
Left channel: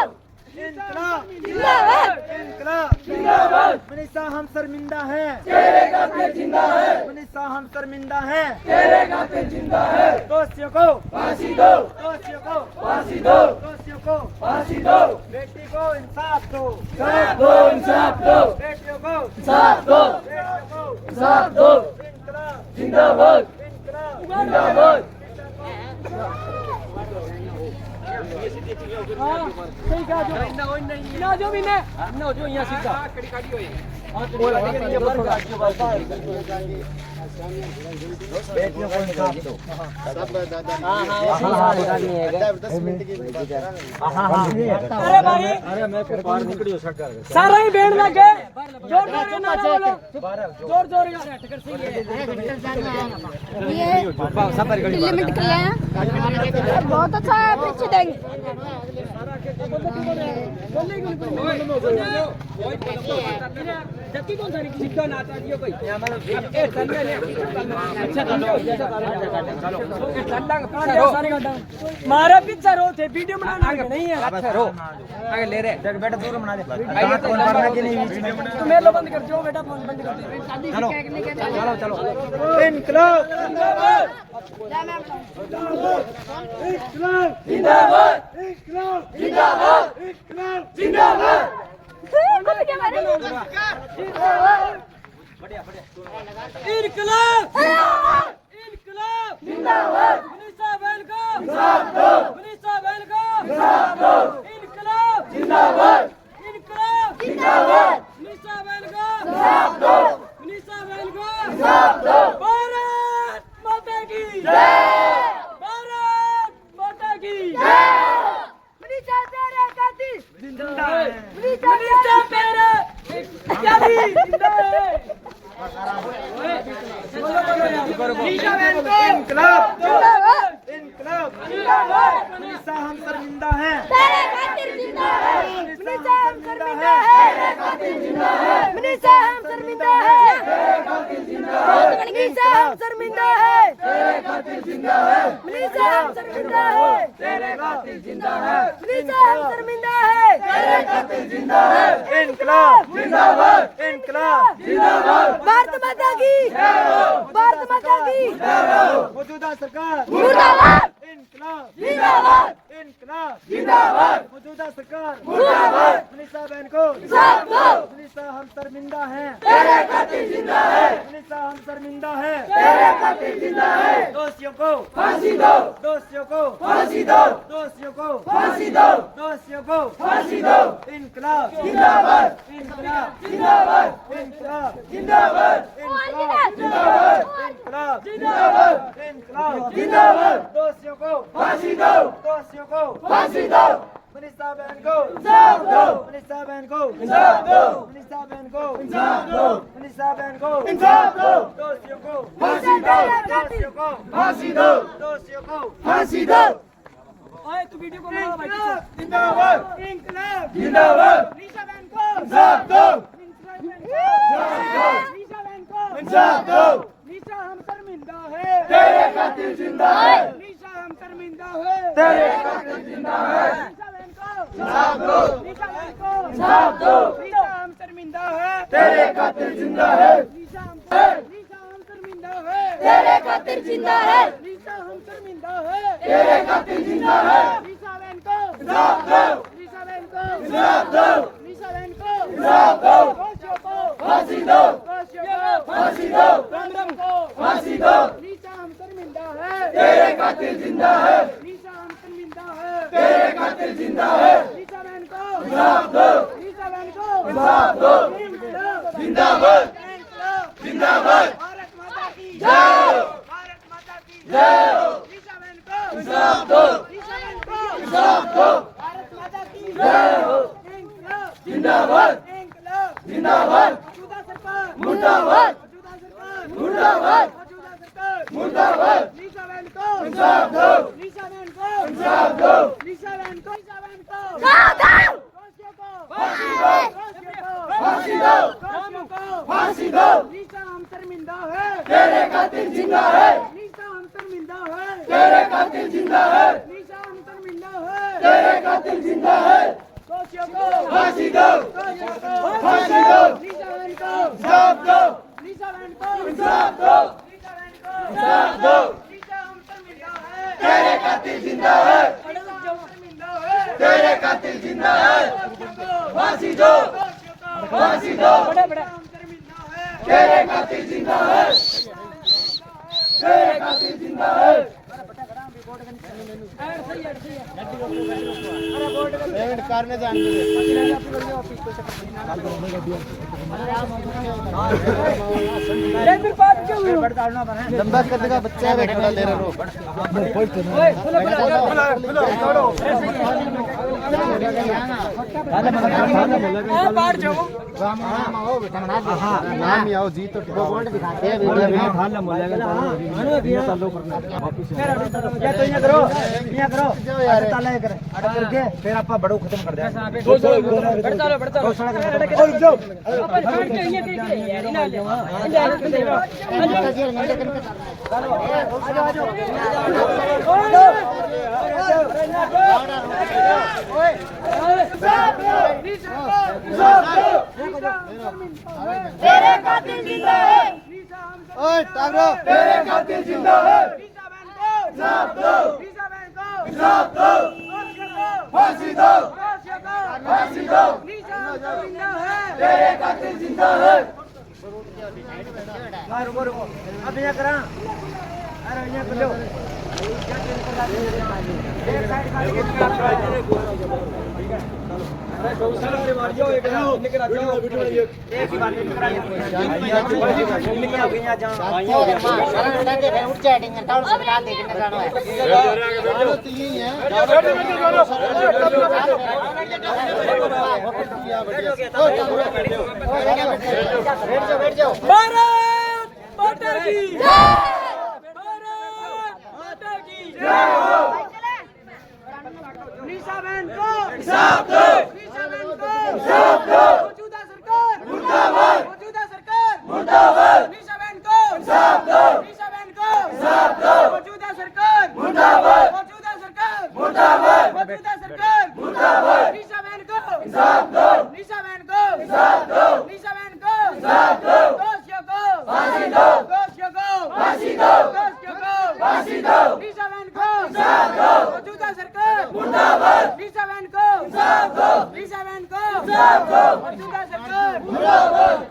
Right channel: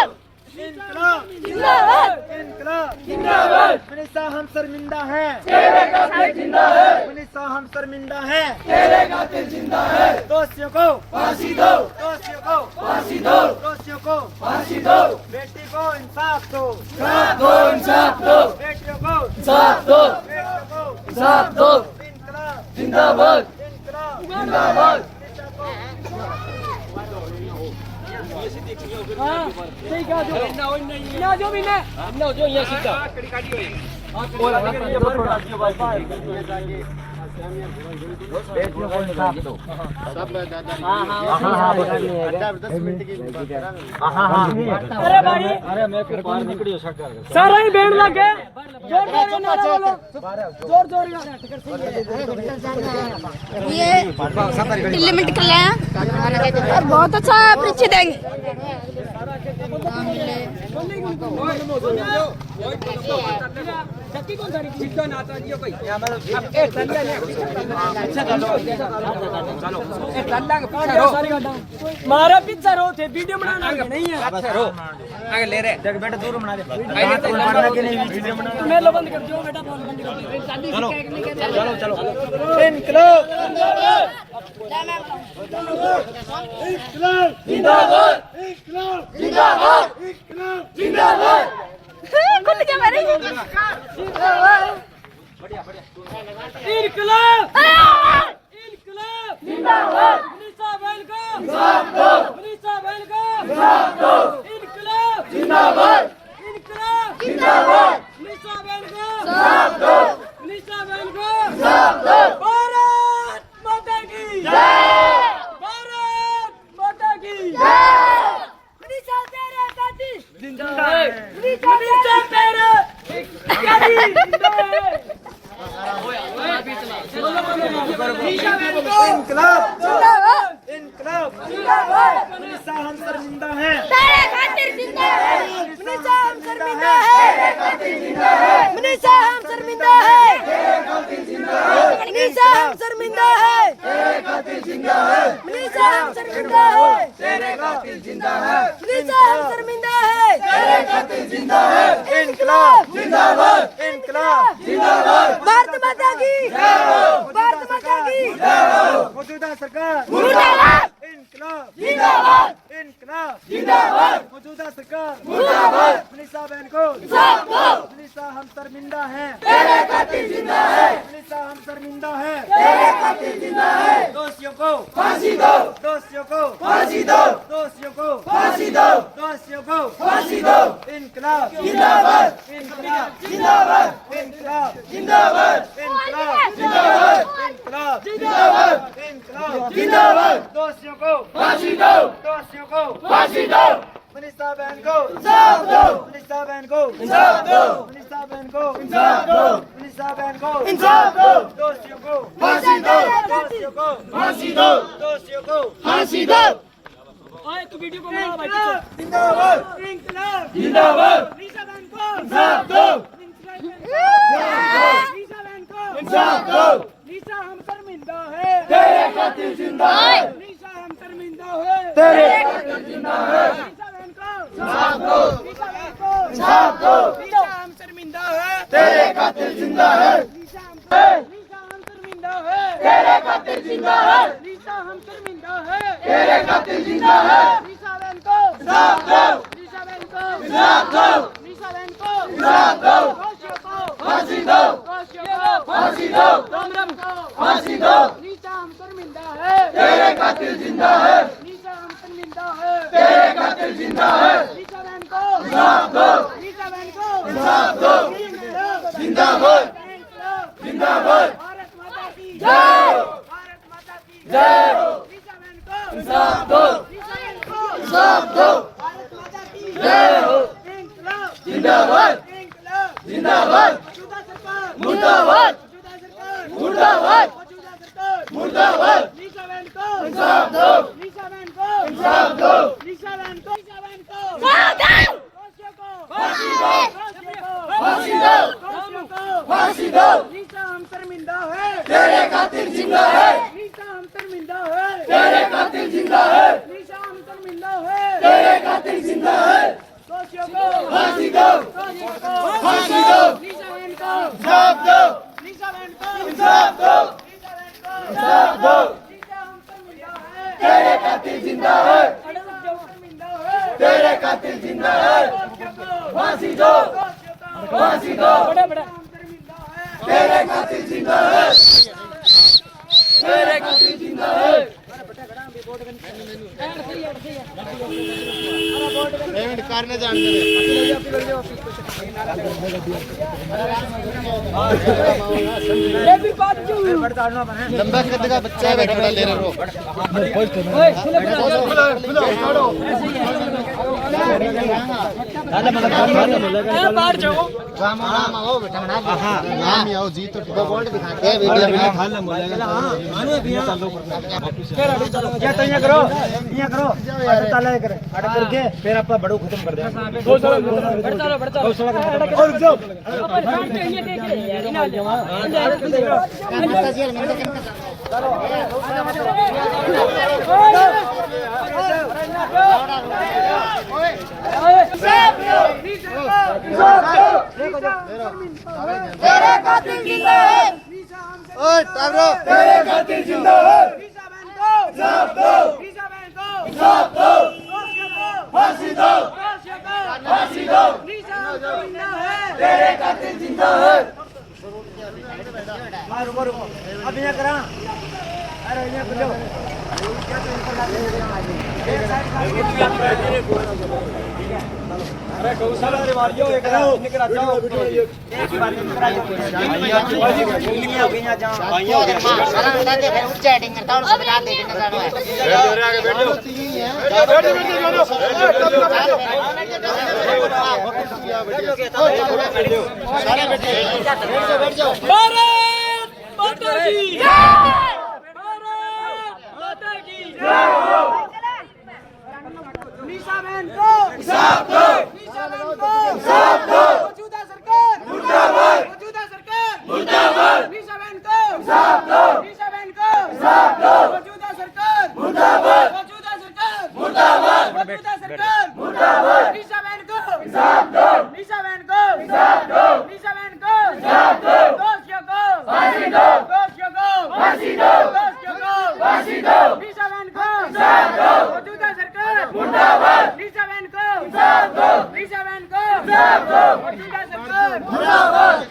इनकलाब जिंदाबाद इनकलाब जिंदाबाद मनीषा हम शर्मिंदा हैं तेरे खातिर जिंदा है मनीषा हम शर्मिंदा हैं तेरे खातिर जिंदा है दोषियों को फांसी दो दोषियों को फांसी दो दोषियों को फांसी दो बेटी को इंसाफ दो इंसाफ दो बेटियों को इंसाफ दो बेटियों को इंसाफ दो इनकलाब जिंदाबाद इनकलाब जिंदाबाद बेटियों को इंसाफ दो सब दादा अरे मैं फिर बाहर निकली हो सकता सारा ही बैंड लगे जोर जोर नारा बोलो जोर जोर ये दिल्ली में निकल रहे हैं और बहुत अच्छा पीछे देंगे मारा पिज्जा रो थे वीडियो बनाना नहीं है आगे ले रहे बेटा दूर बना दे पढ़ने के लिए वीडियो बना मैं लो बंद कर दियो बेटा फोन बंद कर दे चलो चलो इनकलाब जिंदाबाद इनकलाब जिंदाबाद इनकलाब जिंदाबाद खुद क्या मेरे इनकलाब इनकलाब जिंदाबाद मनीषा बहन को इंसाफ दो मनीषा बहन को इंसाफ दो इनकलाब जिंदाबाद इनकलाब जिंदाबाद मनीषा बहन को इंसाफ दो मनीषा बहन को इंसाफ दो भारत माता की जय भारत माता की मनीषा तेरे खातिर जिंदा है मनीषा तेरा यारी जिंदा है इनकलाब जिंदाबाद इनकलाब जिंदाबाद मनीषा हम शर्मिंदा हैं तेरे खातिर जिंदा है मनीषा हम शर्मिंदा है तेरे खातिर जिंदा है मनीषा हम शर्मिंदा है तेरे खातिर जिंदा है मनीषा हम शर्मिंदा है तेरे खातिर जिंदा है मनीषा हम शर्मिंदा है तेरे खातिर जिंदा है मनीषा हम शर्मिंदा है तेरे खातिर जिंदा है इनकलाब जिंदाबाद इनकलाब जिंदाबाद भारत माता की भारत माता की मौजूदा सरकार मुर्दाबाद इनकलाब जिंदाबाद इनकलाब जिंदाबाद मौजूदा सरकार मुर्दाबाद मनीषा बहन को इंसाफ दो मनीषा हम शर्मिंदा हैं तेरे खातिर जिंदा है मनीषा हम शर्मिंदा हैं तेरे खातिर जिंदा है दोषियों को फांसी दो दोषियों को फांसी दो दोषियों को फांसी दो दोषियों को फांसी दो इनकलाब जिंदाबाद इनकलाब जिंदाबाद इनकलाब जिंदाबाद इनकलाब जिंदाबाद इनकलाब जिंदाबाद इनकलाब जिंदाबाद दोषियों को फांसी दो दोषियों को फांसी दो मनीषा बहन को इंसाफ दो मनीषा बहन को इंसाफ दो मनीषा बहन को इंसाफ दो मनीषा बहन को इंसाफ दो दोषियों को फांसी दो दोषियों को फांसी दो दोषियों को फांसी दो आए तू वीडियो को बना भाई पीछे जिंदाबाद इनकलाब जिंदाबाद मनीषा बहन को इंसाफ दो मनीषा बहन को इंसाफ दो मनीषा हम शर्मिंदा है तेरे खातिर जिंदा है मनीषा हम शर्मिंदा है तेरे खातिर जिंदा है मनीषा बहन को इंसाफ दो मनीषा बहन को इंसाफ दो मनीषा हम शर्मिंदा है तेरे खातिर जिंदा है मनीषा हम शर्मिंदा है तेरे खातिर जिंदा है मनीषा हम शर्मिंदा है तेरे खातिर जिंदा है मनीषा बहन को इंसाफ दो मनीषा बहन को इंसाफ दो मनीषा बहन को इंसाफ दो दोषियों को फांसी दो फांसी दो कमरम को फांसी दो नीचा हम शर्मिंदा है तेरे कातिल जिंदा है नीचा हम शर्मिंदा है तेरे कातिल जिंदा है नीचा बहन को इंसाफ दो नीचा बहन को इंसाफ दो जिंदाबाद जिंदाबाद भारत माता की जय भारत माता की जय नीचा बहन को इंसाफ दो नीचा बहन को इंसाफ दो भारत माता की जय इंकलाब जिंदाबाद इंकलाब जिंदाबाद मौजूदा सरकार मुर्दाबाद मौजूदा सरकार मुर्दाबाद मौजूदा सरकार मुर्दाबाद नीचा बहन को इंसाफ दो नीचा बहन को इंसाफ दो नीचा बहन को नीचा बहन को दोषियों को फांसी दो दोषियों को फांसी दो दोषियों को फांसी दो नीचा हम शर्मिंदा है तेरे कातिल जिंदा है नीचा हम शर्मिंदा है तेरे कातिल जिंदा है नीचा हम शर्मिंदा है तेरे कातिल जिंदा है दोषियों को फांसी दो दोषियों को फांसी दो नीचा बहन को इंसाफ दो नीचा बहन को इंसाफ दो नीचा बहन को इंसाफ दो नीचा हम शर्मिंदा है तेरे कातिल जिंदा है अड़क जो शर्मिंदा है तेरे कातिल जिंदा है दोषियों को फांसी दो दोषियों को फांसी दो बड़े बड़े हम शर्मिंदा है तेरे कातिल जिंदा है तेरे कातिल जिंदा है लेकिन बात क्यों लंबा कद का बच्चा है थोड़ा ले रो बाहर जाओ मंगाओ बेटा बना नाम ही आओ जी तो बोल्ड दिखाते हैं वीडियो में खाना बोलेगा क्या तो यहाँ करो ताला कर अटक करके फिर आप बड़ो खत्म कर देंगे और रुक जाओ तेरे कातिल जिंदा है ओए टावरो तेरे कातिल जिंदा है इंसाफ दो इंसाफ दो फांसी दो फांसी दो तेरे कातिल जिंदा है अब यहाँ करा अरे यहाँ कर लो भारत माता की निशा बहन को इंसाफ दो निशा बहन को इंसाफ दो मौजूदा सरकार मुर्दाबाद मौजूदा सरकार मुर्दाबाद निशा बहन को इंसाफ दो निशा बहन को इंसाफ दो मौजूदा सरकार मुर्दाबाद मौजूदा सरकार मुर्दाबाद मौजूदा सरकार मुर्दाबाद निशा बहन को इंसाफ दो निशा बहन को इंसाफ दो निशा बहन को इंसाफ दो दोषियों को फांसी दो दोषियों को फांसी दो दोषियों को फांसी दो निशा बहन को इंसाफ दो मौजूदा सरकार मुर्दाबाद निशा बहन को इंसाफ दो निशा बहन को इंसाफ दो मौजूदा सरकार मुर्दाबाद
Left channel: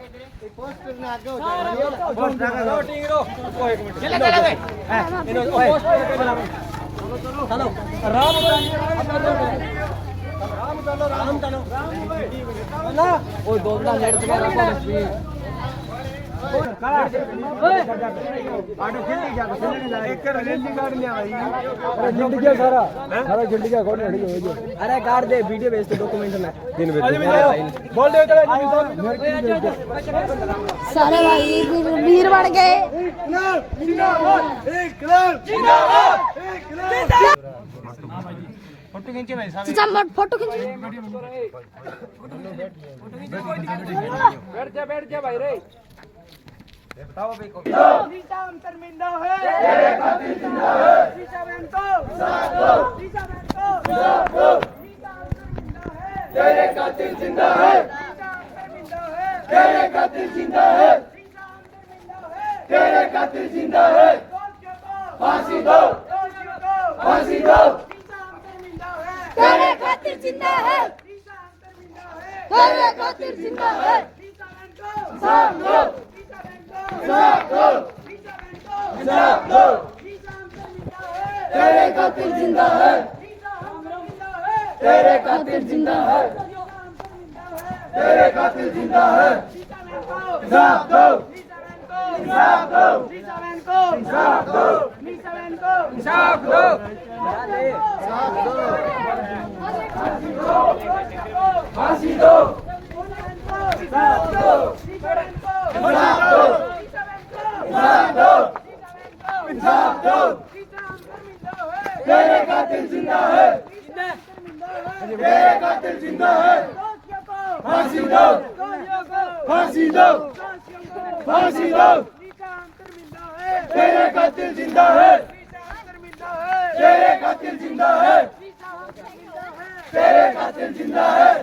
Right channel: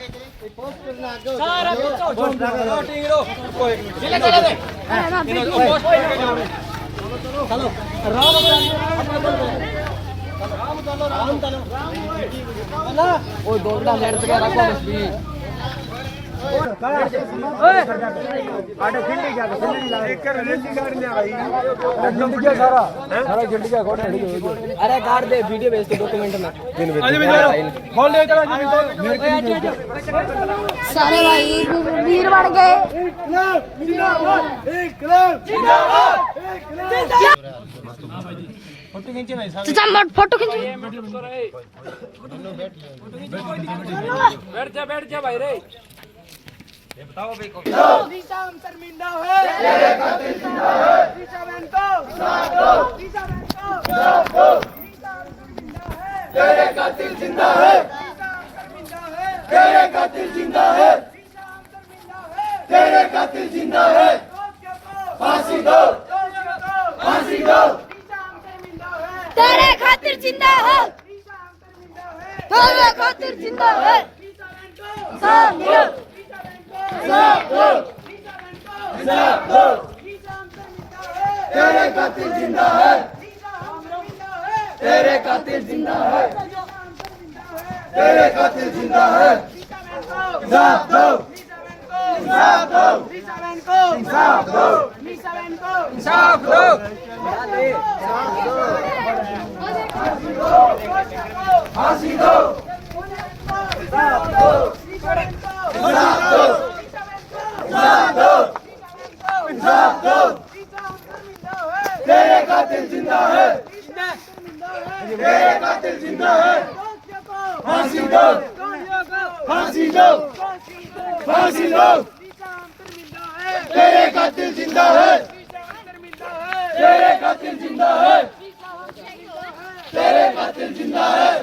अरे कार दे वीडियो भेज दे डॉक्यूमेंट में सारे भाई वीर बढ़ गए चाचा फोटो खींच बैठ जा भाई रे निशा हम शर्मिंदा है निशा बहन को निशा बहन को तेरे कातिल जिंदा है तेरे कातिल जिंदा है तेरे कातिल जिंदा है फांसी दो फांसी दो तेरे खातिर जिंदा है तेरे खातिर जिंदा है तेरे कातिल जिंदा है, तेरे कातिल जिंदा है, तेरे कातिल जिंदा है। इंसाफ दो, इंसाफ दो, इंसाफ दो, इंसाफ दो, फांसी दो, इंसाफ दो, इंसाफ दो, इंसाफ दो, इंसाफ दो। तेरे कातिल जिंदा है, तेरे कातिल जिंदा है। फांसी दो, फांसी दो, फांसी दो। तेरे कातिल जिंदा है, तेरे कातिल जिंदा है, तेरे कातिल जिंदा है,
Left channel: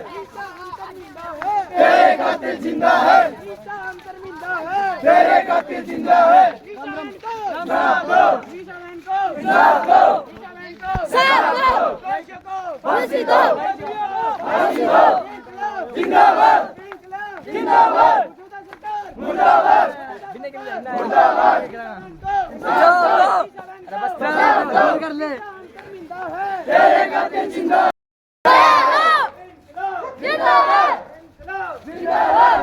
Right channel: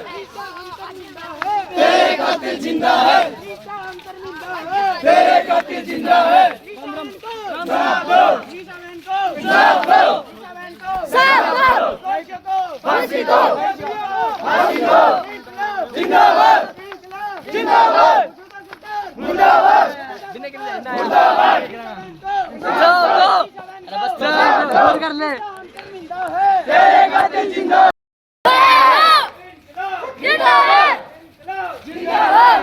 तेरे कातिल जिंदा है, तेरे कातिल जिंदा है। इंसाफ दो, इंसाफ दो, फांसी दो, फांसी दो। जिंदाबाद, जिंदाबाद, मुर्दाबाद, मुर्दाबाद। अरे बस कर ले। तेरे कातिल जिंदा है, जिंदाबाद जिंदाबाद।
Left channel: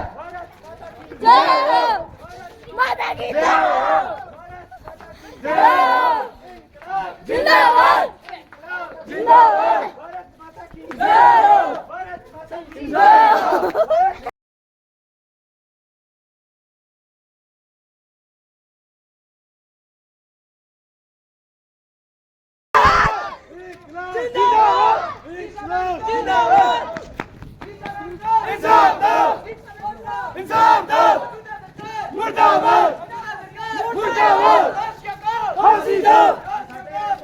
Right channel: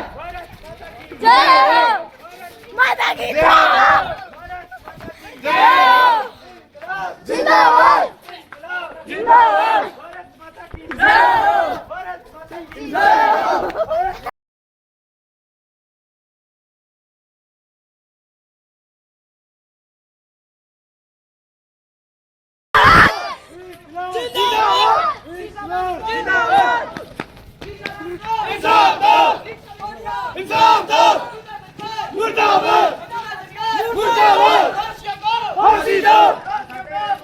जय हो माता की जय जय हो जिंदाबाद जिंदाबाद, जय हो इंसाफ दो, इंसाफ दो, मुर्दाबाद, मुर्दाबाद। फांसी दो,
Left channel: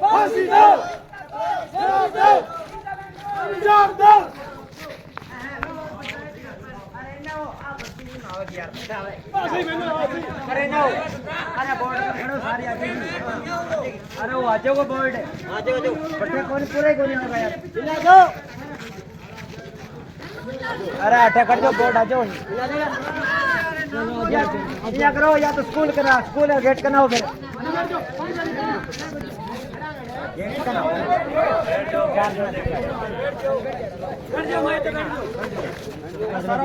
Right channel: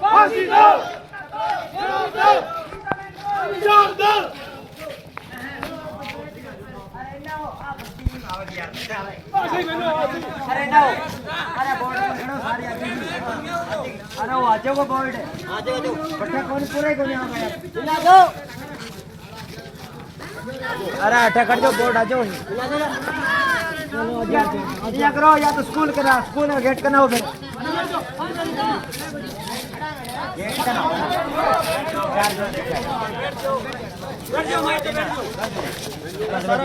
फांसी दो, इंसाफ दो। अरे वो आजो को बोर्ड है, आजो बट्टा कौन पूरे को नहीं आ रहा है। अरे ऐसा कर दो बोर्ड आजो या करो या तो स्कूल के ना स्कूल है गेट का ना हो फिर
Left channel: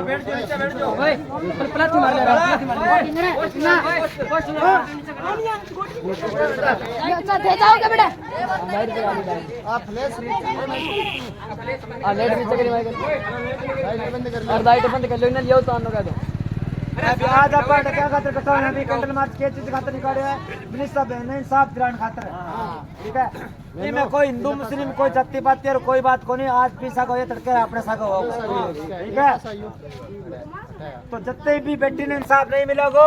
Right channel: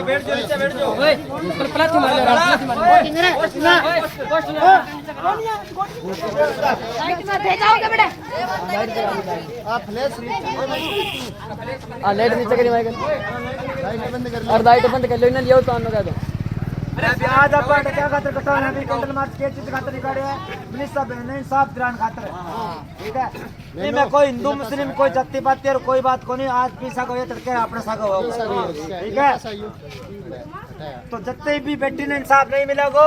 बैठ जाओ नीचे बैठ जाओ प्लास्टिक मार ले जाओगे बेटा लाइट नीचे करी और लाइट बंद कर लो इन्हें लियो तो आने का दो। अरे आज आप क्या खातर कटा है अभी कंट्रोल मार्च के चीज खातर निकाले हैं मिनिस्टर ने इंसाफ दिलाने खातर ठीक है। नहीं मैं कोई हिंदू मुस्लिम कोई जाति पाति और कोई बात को नहीं आज पीसा को ये तड़के अपने सागा होगा ठीक है। तो जितने भी बेटी ने इंसाफ नहीं मिलेगा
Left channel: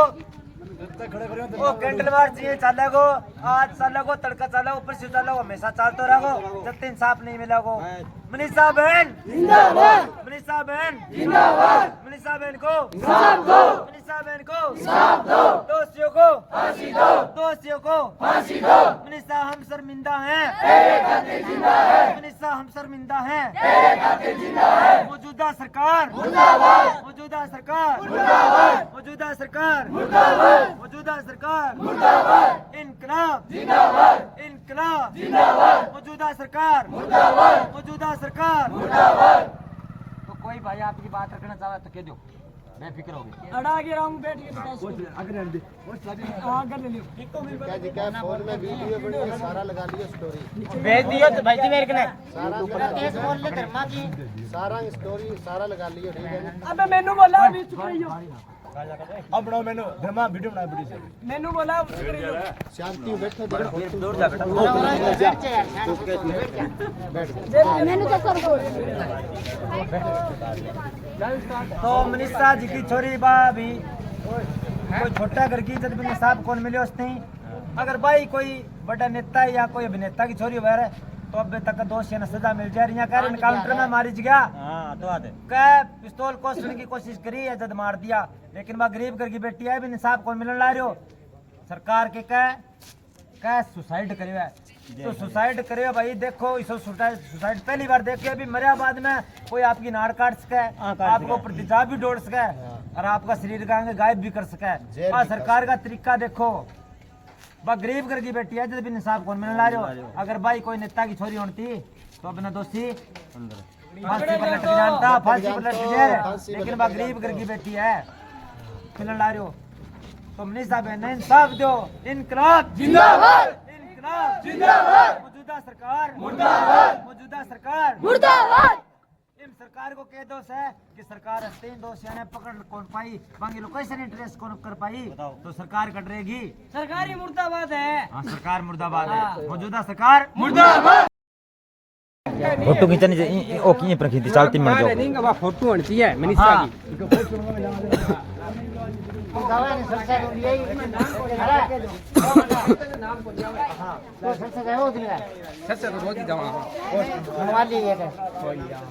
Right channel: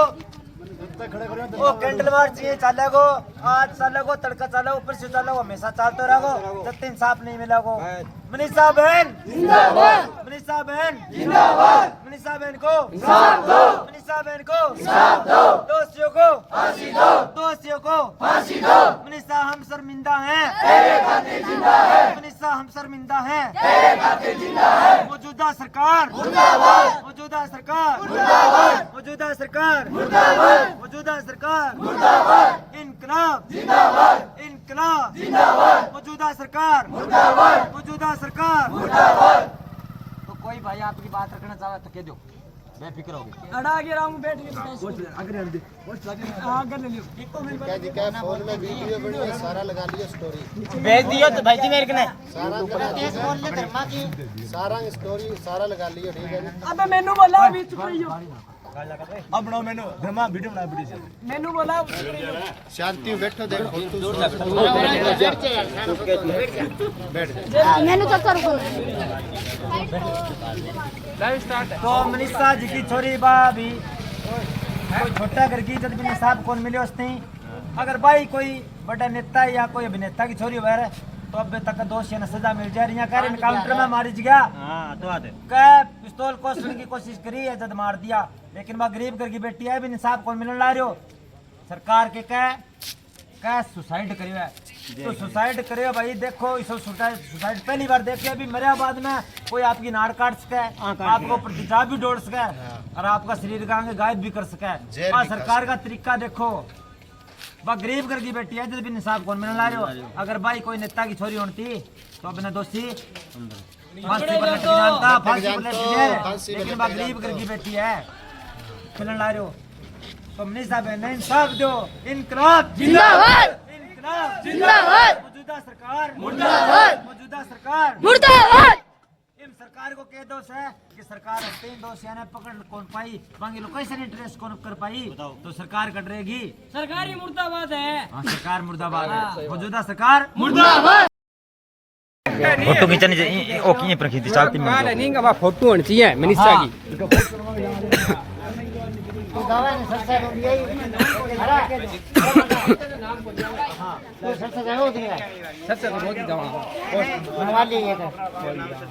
वो कैंडल मार्च ये चलेगो आज चलेगो तड़का चलेगो ऊपर से चलेगो हमेशा चलते रहो जब तक इंसाफ नहीं मिलेगो। मनीषा बहन जिंदाबाद, मनीषा बहन जिंदाबाद, मनीषा बहन को इंसाफ दो, मनीषा बहन को इंसाफ दो, दोषियों को फांसी दो, दोषियों को फांसी दो। मनीषा हम शर्मिंदा हैं, तेरे खातिर जिंदा है, मनीषा हम शर्मिंदा हैं, तेरे खातिर जिंदा है। मौजूदा सरकार मुर्दाबाद, मौजूदा सरकार मुर्दाबाद, मौजूदा सरकार मुर्दाबाद, मौजूदा सरकार मुर्दाबाद। इनकलाब जिंदाबाद, इनकलाब जिंदाबाद, मौजूदा सरकार मुर्दाबाद, मौजूदा सरकार मुर्दाबाद। तो कोई भाई आपकी बात रखना चाहे तो कह दो बेफिक्र होगी। अड़ा के राम बैठ के अगर दे हां कर ले लियो क्या दिखा फोन में वीडियो वीडियो सारा लगा लिया स्टोरी भेज दियो तो भाई जी मेरे कने सारा स्टोरी सारा लगा लिया ठीक है। अबे मेनू बोला अभी चुप रहियो अब बनाओ मैंने धर्मा वीडियो बना वीडियो मेनू बोला शांति बैठो देखो दूर जा बेटा बैठ जा मैंने तो सर को तो मनीषा जी की छोरी भाभी कोई छोटा घर की इज्जत भी नहीं साहब कौन मिले उसने अगर भाई कोई बड़ा नेता या कोई अभिनेता की छोरी वगैरह तो अब तक दोषी न सजा मिल जाए रही है काउंटर में मारी गया कह पिस्तौल कोसने की कोशिश करी इज्जत मार दिया लेकिन वह गरीब घर की बेटी है भी इंसाफ कौन मिलने ला रहे हो सरकार के कह सुसाइड करियो है तो सुसाइड करियो भाई देखो इस सुसाइड पहली बार देखे अभी मरिया बाद में कोई आपकी नाड़ काट सके आपको ऊपर तेजाब भी दौड़ सके और आपका शरीर का अंग गायब भी कर सका है। जेल और भी कर सरकार का तरीका देखो, बा गरीब घर की बेटी है जब भी निसाब कौन में ला रहे हो। अगर भाई कोई नेता की छोरी होती तो अपना दोषी फांसी पर लट जानता, फांसी पर लट फांसी पर लेकिन लट बा गरीब घर की बेटी है मिलन ला रहे हो। तो मनीषा बहन ने इंसाफ दो। इनकलाब जिंदाबाद इनकलाब जिंदाबाद मौजूदा सरकार मुर्दाबाद मौजूदा सरकार मुर्दाबाद। इन सरकार को कह दोष है कि सरकार 3 दोषियों ने पकड़ कौन पाई, बाकी लोकेशन इंटरेस्ट कौन कर पाई, तो सरकार कट रहेगी। सरकारी मुर्दाबाद है। हाँ, सरकार मुर्दाबाद है, मौजूदा सरकार मुर्दाबाद। फोटो खींचनी चाहिए ओ की पर खींची चलती मिल जाए नहीं का फोटो होनी चाहिए मनीषा की।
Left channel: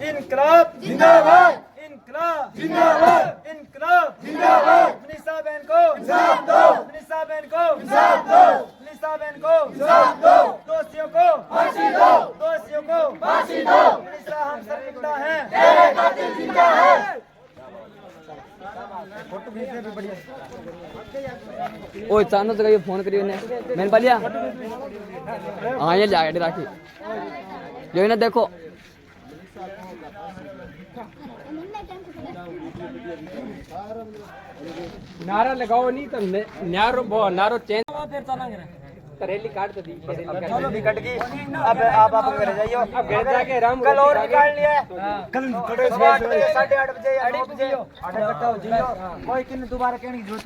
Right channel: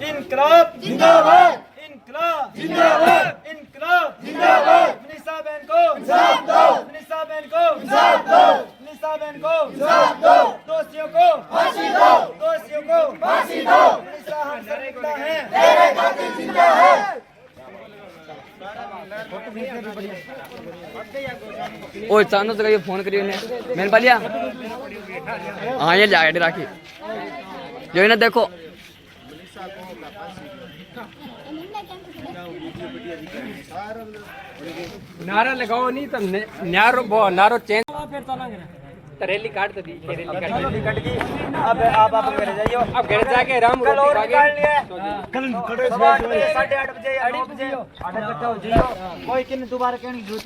इनकलाब जिंदाबाद इनकलाब जिंदाबाद इनकलाब जिंदाबाद। मनीषा बहन को इंसाफ दो, मनीषा बहन को इंसाफ दो, मनीषा बहन को इंसाफ दो, दोषियों को फांसी दो, दोषियों को फांसी दो। मनीषा हम शर्मिंदा हैं, तेरे खातिर जिंदा है। ओ चांदो से कहियो फोन करियो ने मैंने पालिया हाँ ये जाके राखी जो ना देखो नारा लगाओ नहीं तो नारो चेंज फिर चलेंगे। रेली काट तो दी, रेली कट गई। अब आप घर जाइए, अब घर जाके राम कल और रोटी निकाल लिया। कल 8:30 बजे 8:30 बजे 8 बजे 8 इकट्ठा हो जाइए। कोई किन दोबारा कहने की जरूरत